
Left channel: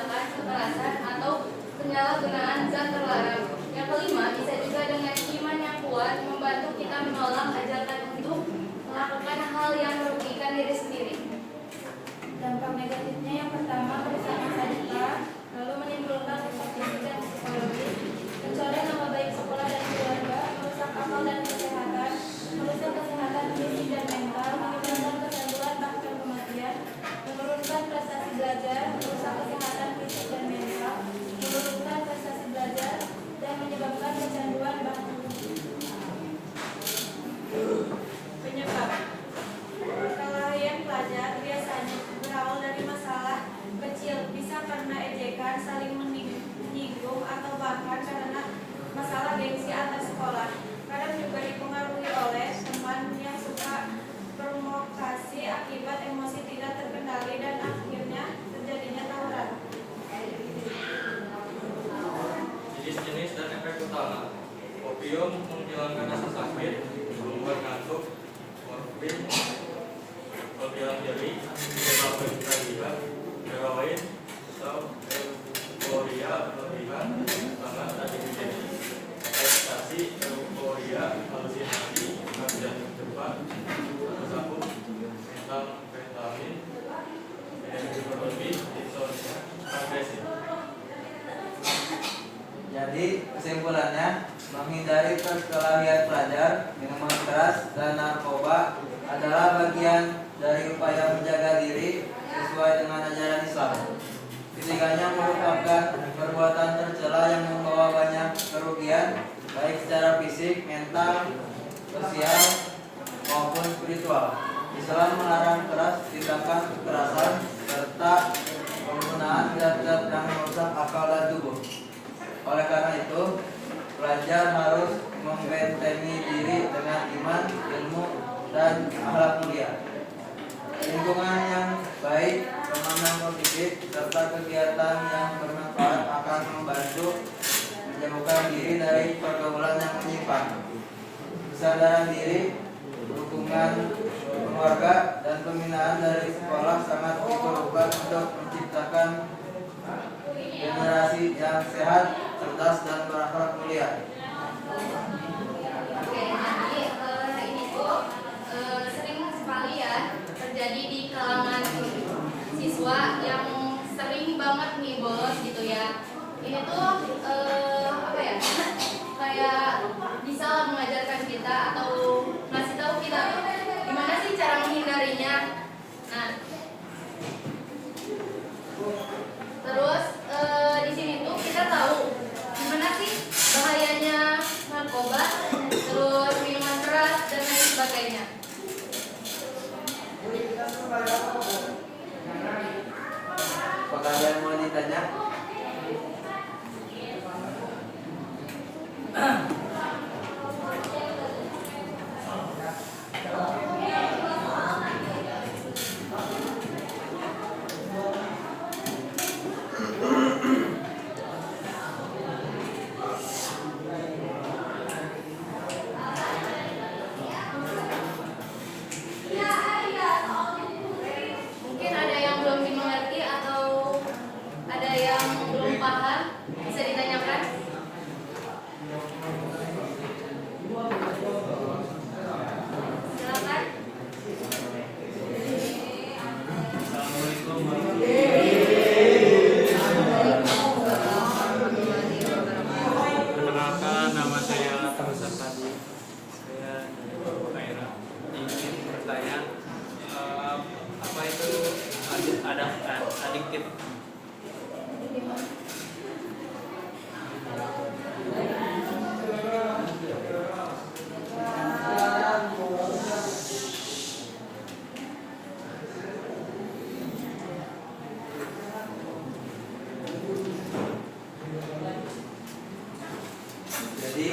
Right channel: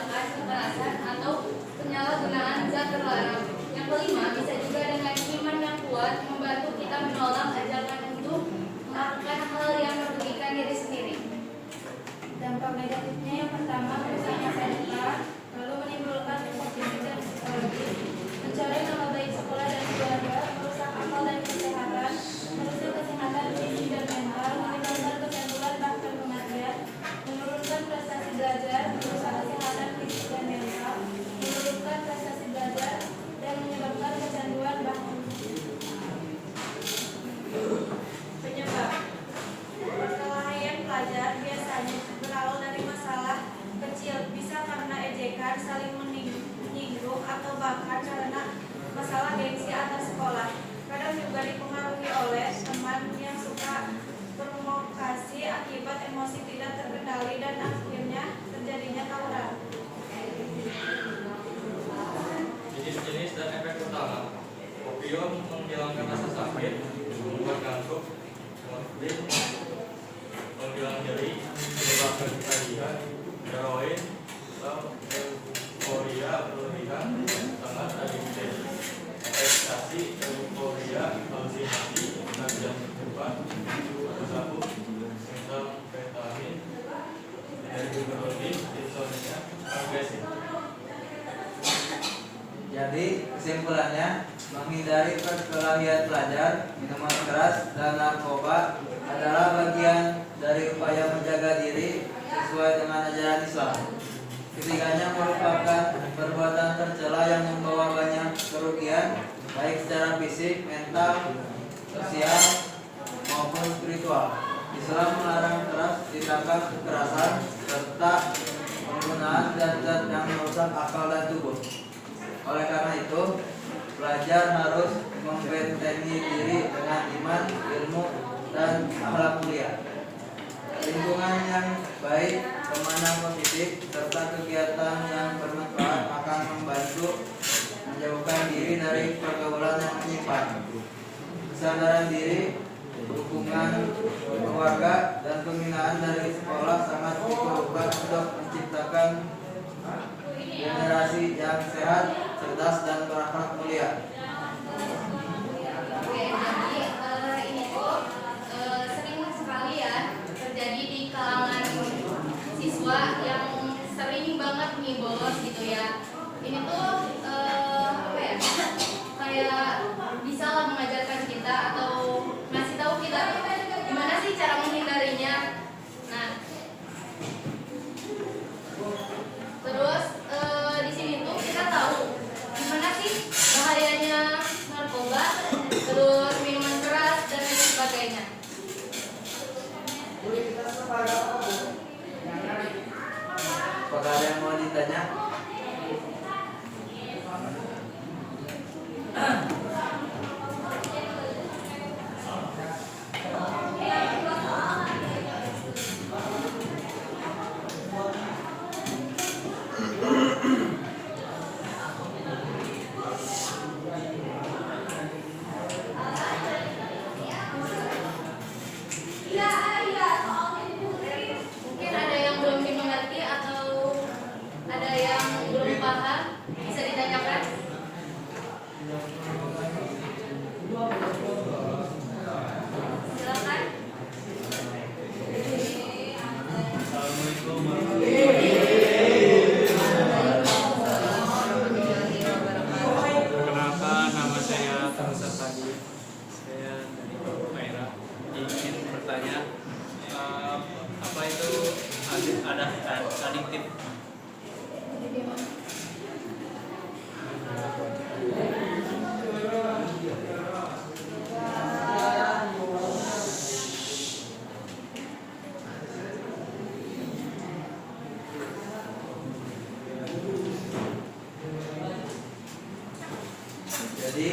tindakan kekerasan atau penyalahgunaan zat terlarang. Yang kelima, bisa juga dengan iman yang kuat membantu kita menolak ajakan untuk melakukan hal yang merugikan diri sendiri. Dampak negatifnya yang pertama merusak masa depan, lalu menimbulkan rusak fisik dan psikologis, mencoreng nama baik sekolah dan keluarga, merusak akal dan kesehatan, merusak kesehatan fisik dan mental, menimbulkan kecanduan bahkan kematian, menurunkan prestasi belajar, merusak kesehatan fisik dan mental, menurunkan prestasi belajar, dan menyebabkan kecanduan bahkan Penyebab perkelahian pelajar biasanya berawal dari masalah kecil, bisa karena ejekan, saling menyinggung, atau bahkan karena masalah gengsi antar sekolah. Kadang juga dipengaruhi oleh teman yang suka provokasi akibat emosi tidak terkendali dan akhirnya terjadinya tawuran. Jenis-jenis dan efek utama. Opium menghilangkan rasa sakit, membuat ngantuk. Morfin menghilang nyeri, menyebabkan ketagihan. Heroin atau euforia berlebihan sangat adiktif. Ekstasi, euforia, halusinasi, ganja cepat, sabu, metamfetamin, energi berlebih, insomnia, agresif. Jadi kesimpulannya, menghindari perkelahian pelajar, minuman keras, dan narkoba adalah bagian dari upaya menjaga diri sesuai dengan ajaran Islam. Ketiganya merupakan perbuatan tercela yang membawa banyak kerugian, baik secara fisik, mental, sosial, maupun spiritual. Islam melarang keras tindakan kekerasan serta penggunaan zat-zat yang merusak akal dan tubuh. Oleh karena itu, pelajar harus membentengi diri dengan iman, ilmu, dan akhlak mulia. Lingkungan yang baik, teman yang positif, serta kegiatan yang bermanfaat akan membantu menjauhkan diri dari pergaulan yang menyimpang. Kesadaran diri, dukungan keluarga, dan pembinaan dari sekolah sangat diperlukan untuk menciptakan generasi yang sehat, cerdas, dan berakhlak mulia. Oke, jadi ini tuh sering sekali ya terjadi di kalangan siswa yang sering banget nih bolos gitu ya. Ini tuh apa ya? Kayak bisa lah mengajarkan kita atau ngasih tahu kita gimana sih cara menghindarinya. Nah, terus di sini tuh kita tahu gimana sih bahayanya narkoba, terus minuman keras dan lain sebagainya. Apakah ada yang mau ditanya? Mungkin ada yang belum dimengerti atau ada yang belum paham, bisa ditanyakan. Silakan. Assalamualaikum warahmatullahi wabarakatuh. Perkenalkan, nama saya Terusan Tadi. Saya dari Papua Kaira. Ingin bertanya, apa itu adiktif? Jadi,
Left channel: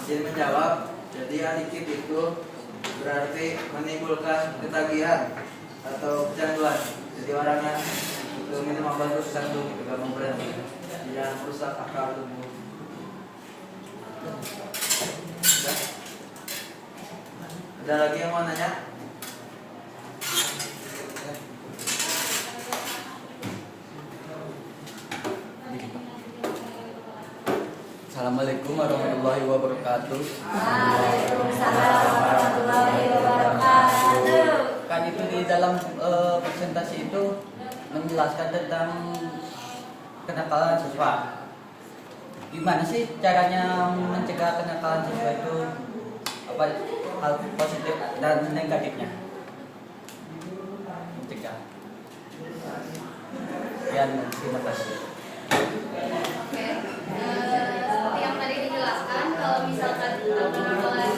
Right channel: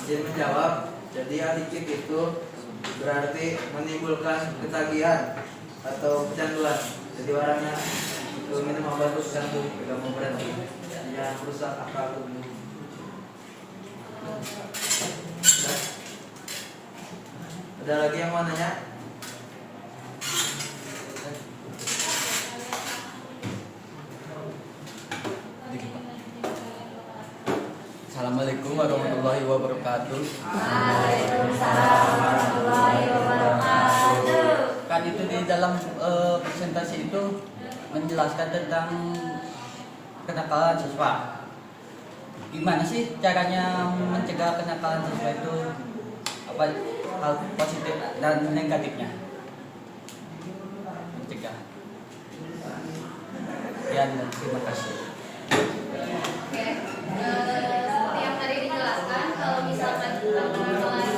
izin menjawab. Jadi adiktif itu berarti menimbulkan ketagihan atau kecanduan. Jadi orangnya itu minum obat terus candu, tidak mau berhenti, yang merusak akal tubuh. Sudah? Ada lagi yang mau nanya? Assalamualaikum warahmatullahi wabarakatuh. Waalaikumsalam warahmatullahi wabarakatuh. Kan itu di dalam presentasi itu menjelaskan tentang kenakalan siswa. Gimana sih caranya mencegah kenakalan siswa itu? Apa hal positif dan negatifnya? Mencegah. Ya, terima kasih. Oke, seperti yang tadi dijelaskan, kalau misalkan kenakalan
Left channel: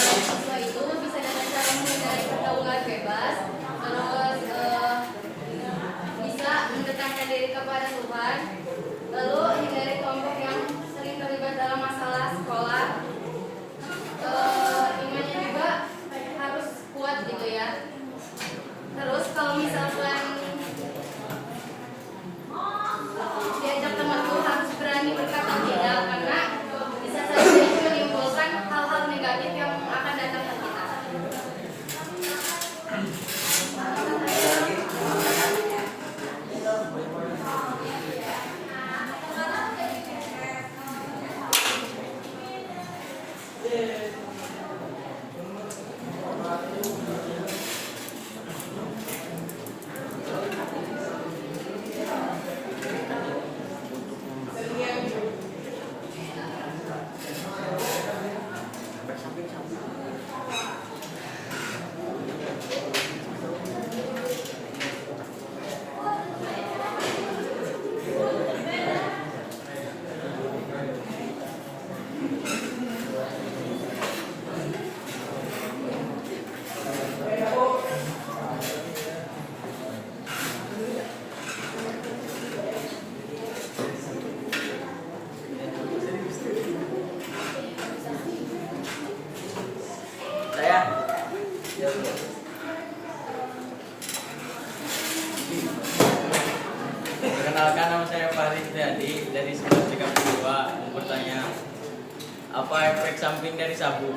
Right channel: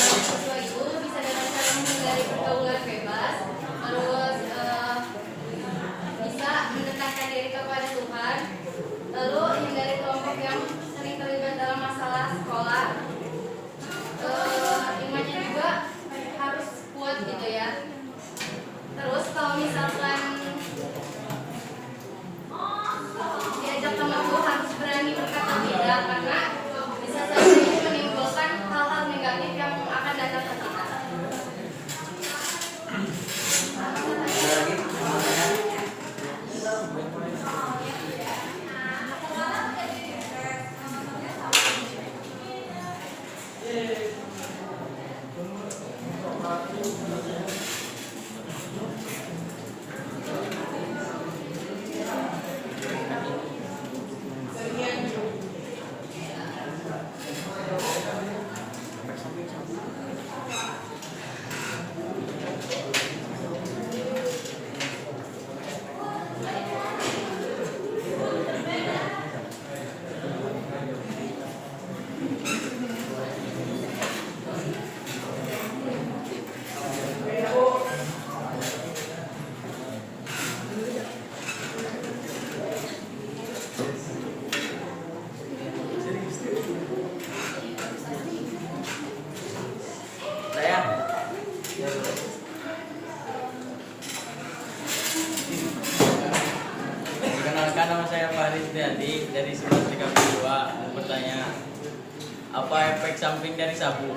siswa itu bisa dengan cara menghindari pergaulan bebas, terus bisa mendekatkan diri kepada Tuhan, lalu hindari kelompok yang sering terlibat dalam masalah sekolah. Imannya juga harus kuat gitu ya. Terus kalau misalkan diajak teman tuh harus berani berkata tidak, karena bisa saja itu menimbulkan hal-hal negatif yang akan datang ke kita. Ada lagi? Saya? Ya boleh. Perkenalkan, nama saya Faris Triadi dari 1132. Mau bertanya, apa efek samping dari sabu?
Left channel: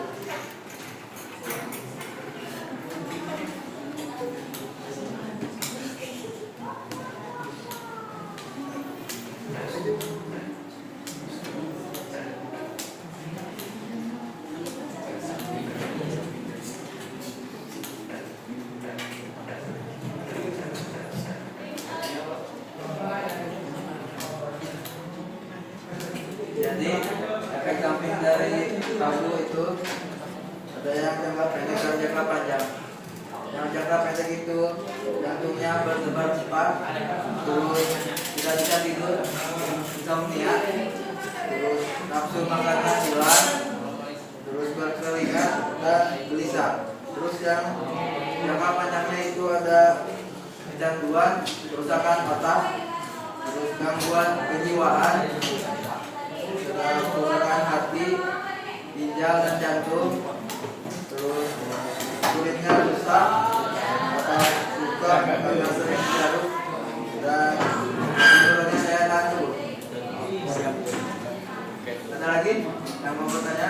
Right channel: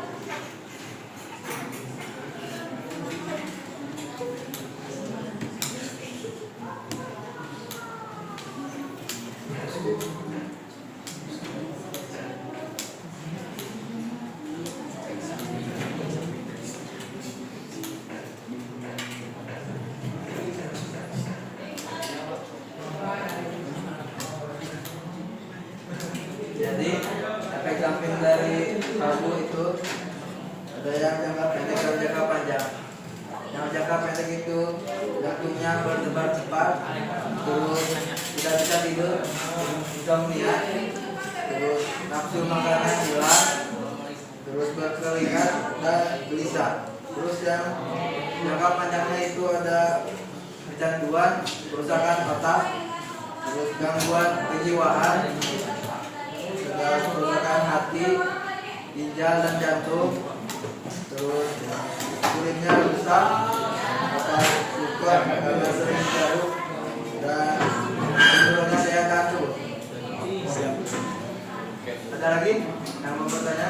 Jadi efek samping dari sabu itu ada yang jangka pendek dan jangka panjang. Yang jangka pendek itu jantungnya berdebar cepat, terus tidak bisa tidur, insomnia, terus nafsu makannya hilang, terus berkeringat dan gelisah. Terus yang jangka panjangnya itu ada kecanduan, kerusakan otak, terus gangguan kejiwaan, kerusakan hati, ginjal dan jantung, terus kulitnya rusak, atau luka karena sering garuk, dan tidurnya saya ngantuk. Ada lagi yang mau bertanya?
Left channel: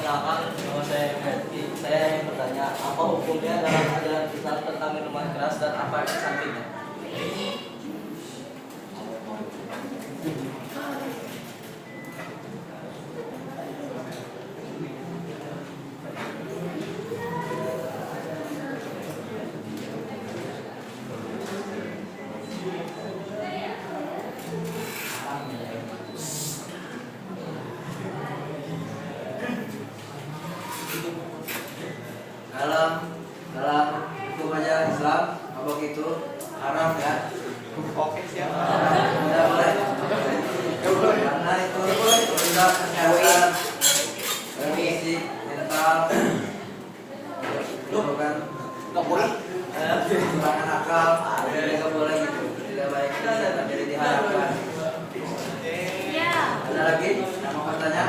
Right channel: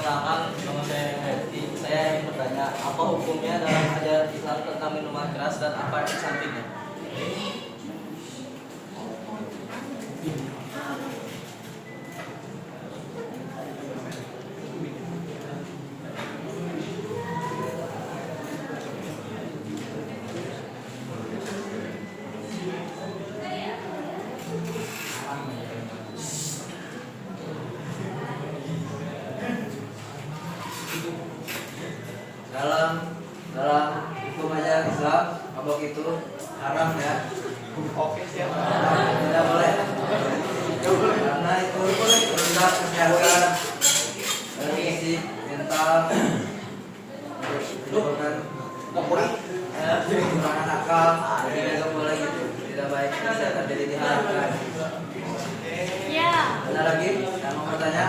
Perkenalkan, nama saya Melki. Saya ingin bertanya, apa hukumnya dalam ajaran Islam tentang minuman keras dan apa efek sampingnya? haram ya. Oke siap. Tidak boleh. Karena itu merusak kesehatan dan fisik, mental, menimbulkan kekurangan akal. Jadi tidak boleh gitu. Tidak baik kesehatan, jadi diharapkan. Ya. Ada lagi yang mau bertanya?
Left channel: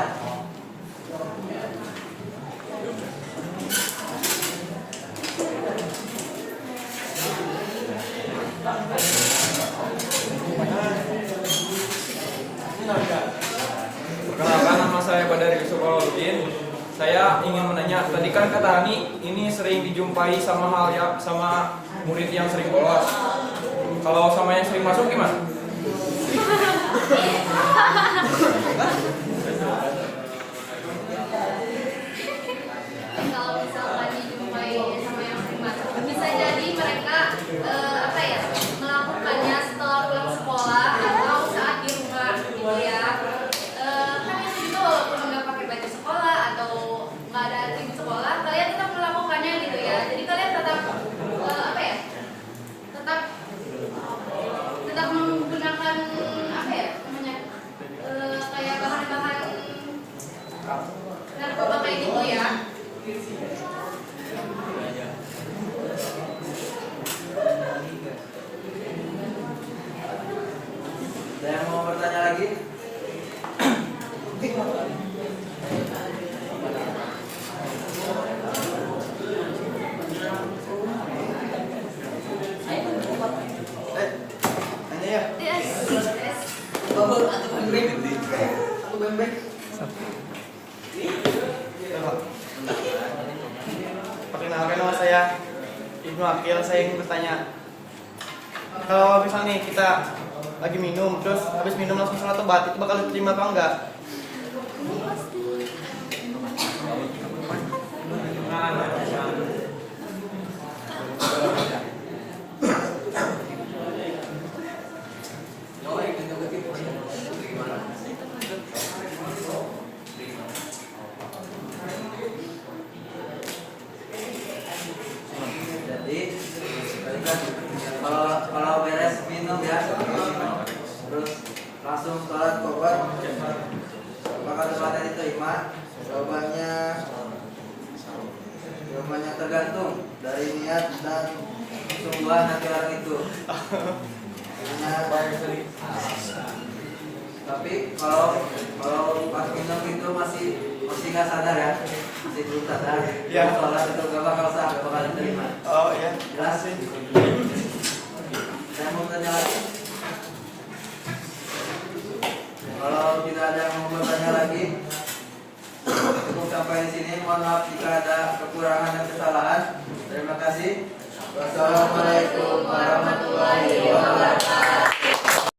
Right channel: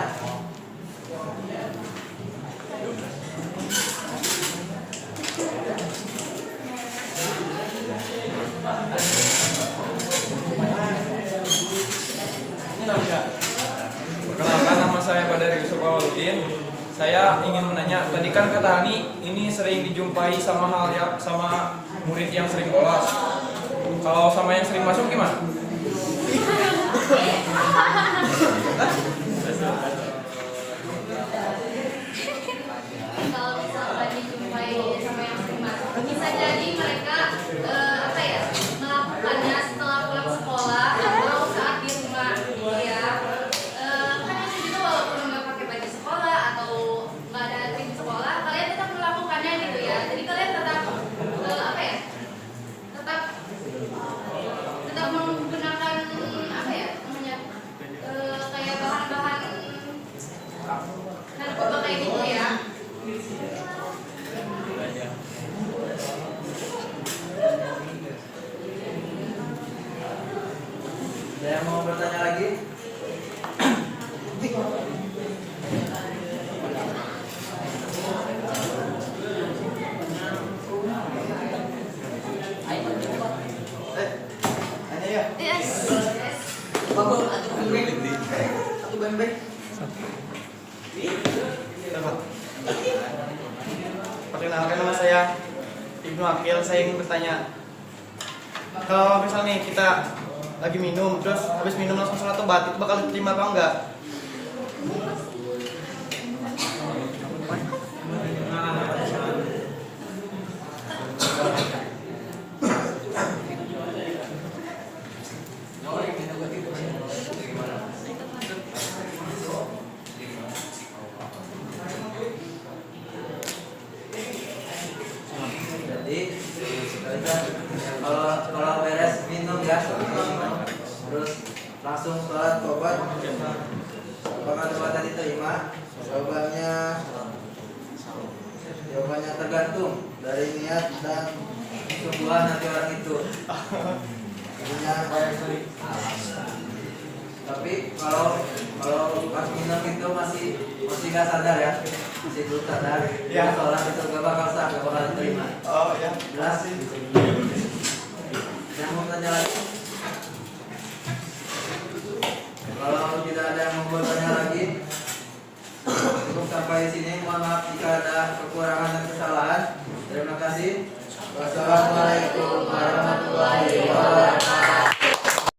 Perkenalkan, nama saya Badar Yusuf Awaludin. Saya ingin menanya, tadi kan kata Ani ini sering dijumpai sama sama murid yang sering bolos. Kalau sama yang sering masuk gimana? Kalau misalkan dijumpai sama yang sering masuk, bisa jadi mereka melakukannya setelah pulang sekolah atau saat di rumah gitu ya. Kan itu walaupun nggak pakai baju sekolah atau nggak ada antri di sekolah, kalian tetap melakukannya gitu ya. Jadi kalian tetap tetap menggunakan kayak bahan-bahan narkoba kayak gitu ya. Ada yang mau bertanya lagi? Yes. Perkenalkan, nama saya Ibnu Akil. Saya ingin bertanya, kalau misalnya nih kita lagi minum, terus habis minum langsung sholat tobat, itu bakal diterima apa enggak? Jadi kalau beres minum ya, terus langsung sholat tobat, apakah tobatnya diterima? Jawabannya tergantung dari niat dan kesungguhan hati orang itu. Jadinya, tapi kalau pas minum itu masih nggak sadar ya, masih belum sadar, Ya. sholat itu gak bakal sah, gak bakal diterima. Oh ya. Jelas? Saya mau tanya lagi. Kalau tidak ada yang mau bertanya lagi, cukup sampai di sini. Mohon maaf jika ada kekurangan dan kesalahan. Terima kasih. Wassalamualaikum warahmatullahi wabarakatuh.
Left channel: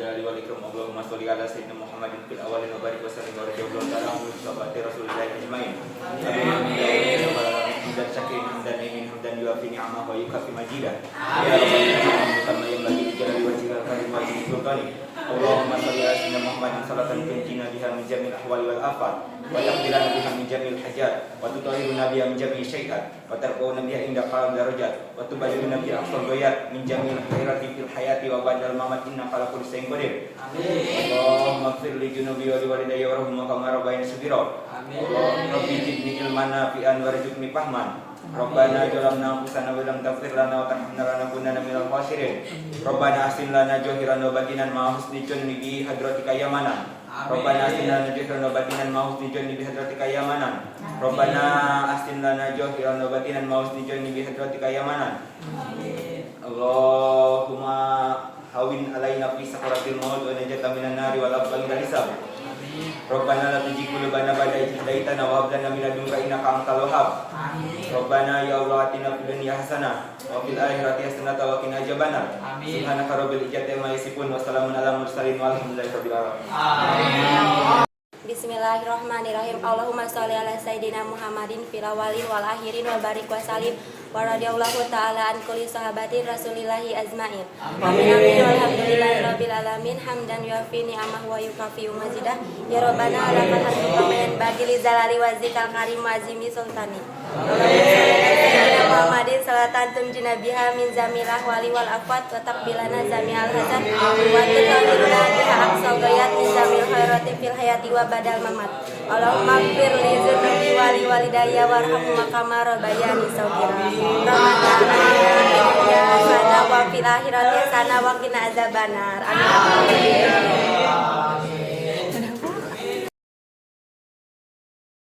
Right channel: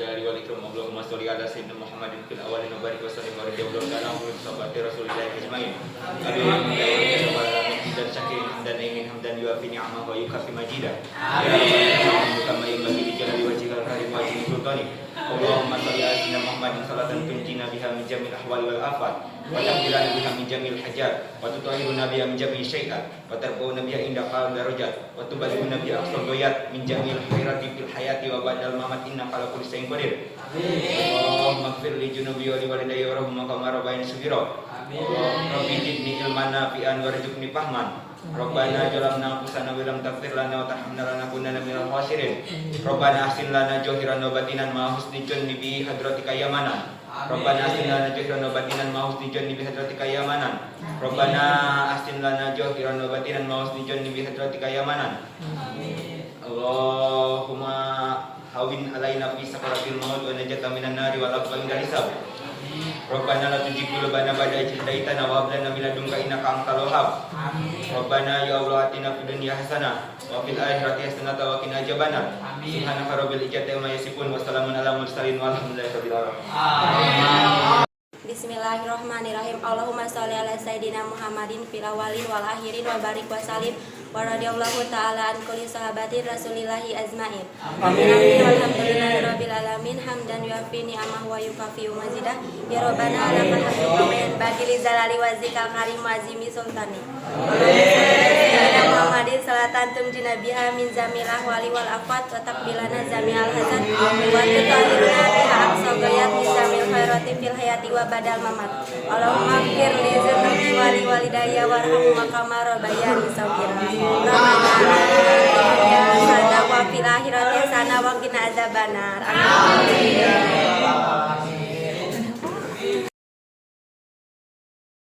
Jalali wal ikram, Allahumma sholli ala sayyidina Muhammadin fil awwalin wa barik wa sallim wa radhiyallahu ta'ala anhu sahabati Rasulillah ajmain. Amin ya rabbal alamin. Dan syakirin hamdan imin hamdan yuafi ni'amah wa yukafi majidah. Ya rabbana kama yanbaghi li jalali wajhikal karim wa ajli sultani. Allahumma sholli ala sayyidina Muhammadin salatan tunjina biha min jamil ahwali wal afat wa tahdirana biha min jamil hajat wa tutahhiruna biha min jamil syai'at wa tarfa'una biha inda qal darajat wa tuballighuna biha aqsal ghayat min jamil khairati fil hayati wa ba'dal mamat innaka ala kulli syai'in qadir. Allahumma ighfir li junubi wa li walidayya warhamhuma kama rabbayani shaghira. Rabbi zidni ilman nafi'an warzuqni fahman. Rabbana zalamna anfusana wa lam taghfir lana wa tarhamna lanakunanna minal khasirin. Rabbana ahsin lana zahiran wa batinan ma husni junni bi hadratika ya manan. Rabbana ahsin lana zahiran wa batinan ma husni junni bi hadratika ya manan. Rabbana ahsin lana zahiran wa batinan ma husni junni bi hadratika ya manan. Allahumma hawin alaina fi sakaratil maut wa najata minan nari wa laqwa minal hisab. Rabbana la tuzigh qulubana ba'da idh hadaitana wa hab lana min ladunka innaka antal wahhab. Rabbana ya Allah atina fid dunya hasanah wa fil akhirati hasanah wa qina adzabannar. Subhanaka rabbil izzati amma yasifun wa salamun alal mursalin walhamdulillahi rabbil alamin. Bismillahirrahmanirrahim. Allahumma sholli ala sayyidina Muhammadin fil awwalin wal akhirin wa barik wa salim wa radhiyallahu ta'ala an kulli sahabatin rasulillahi azmain. Amin. Walhamdulillahi rabbil alamin. Hamdan yuafi ni'amah wa yukafi mazidah. Ya Rabbana lakal hamdu kama yanbaghi li zalali wajhikal karim wa azimi sultani. Allahumma sholli ala sayyidina Muhammadin salatan tunjina biha min zamil ahwali wal afat wa taqbilana zami'al hazan wa tutahhiruna biha aqsal ghayat min zamil khairati fil hayati wa badal mamat. Allahumma ighfir li dzunubi wali walidayya warhamhuma kama rabbayani shaghira. Rabbana atina fid dunya hasanah wa fil akhirati hasanah wa qina adzabannar. Amin.